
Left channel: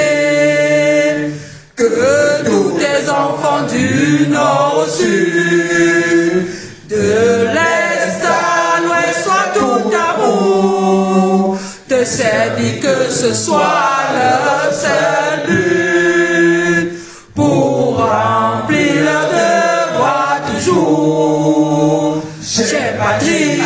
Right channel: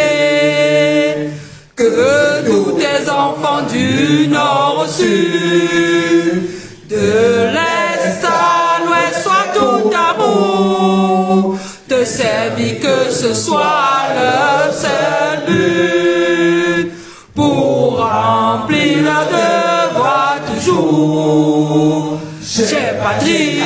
Que tous tes enfants du nord au sud, de l'est de servir, que ce soit leur seul but, pour remplir leur devoir toujours. Chère patrie,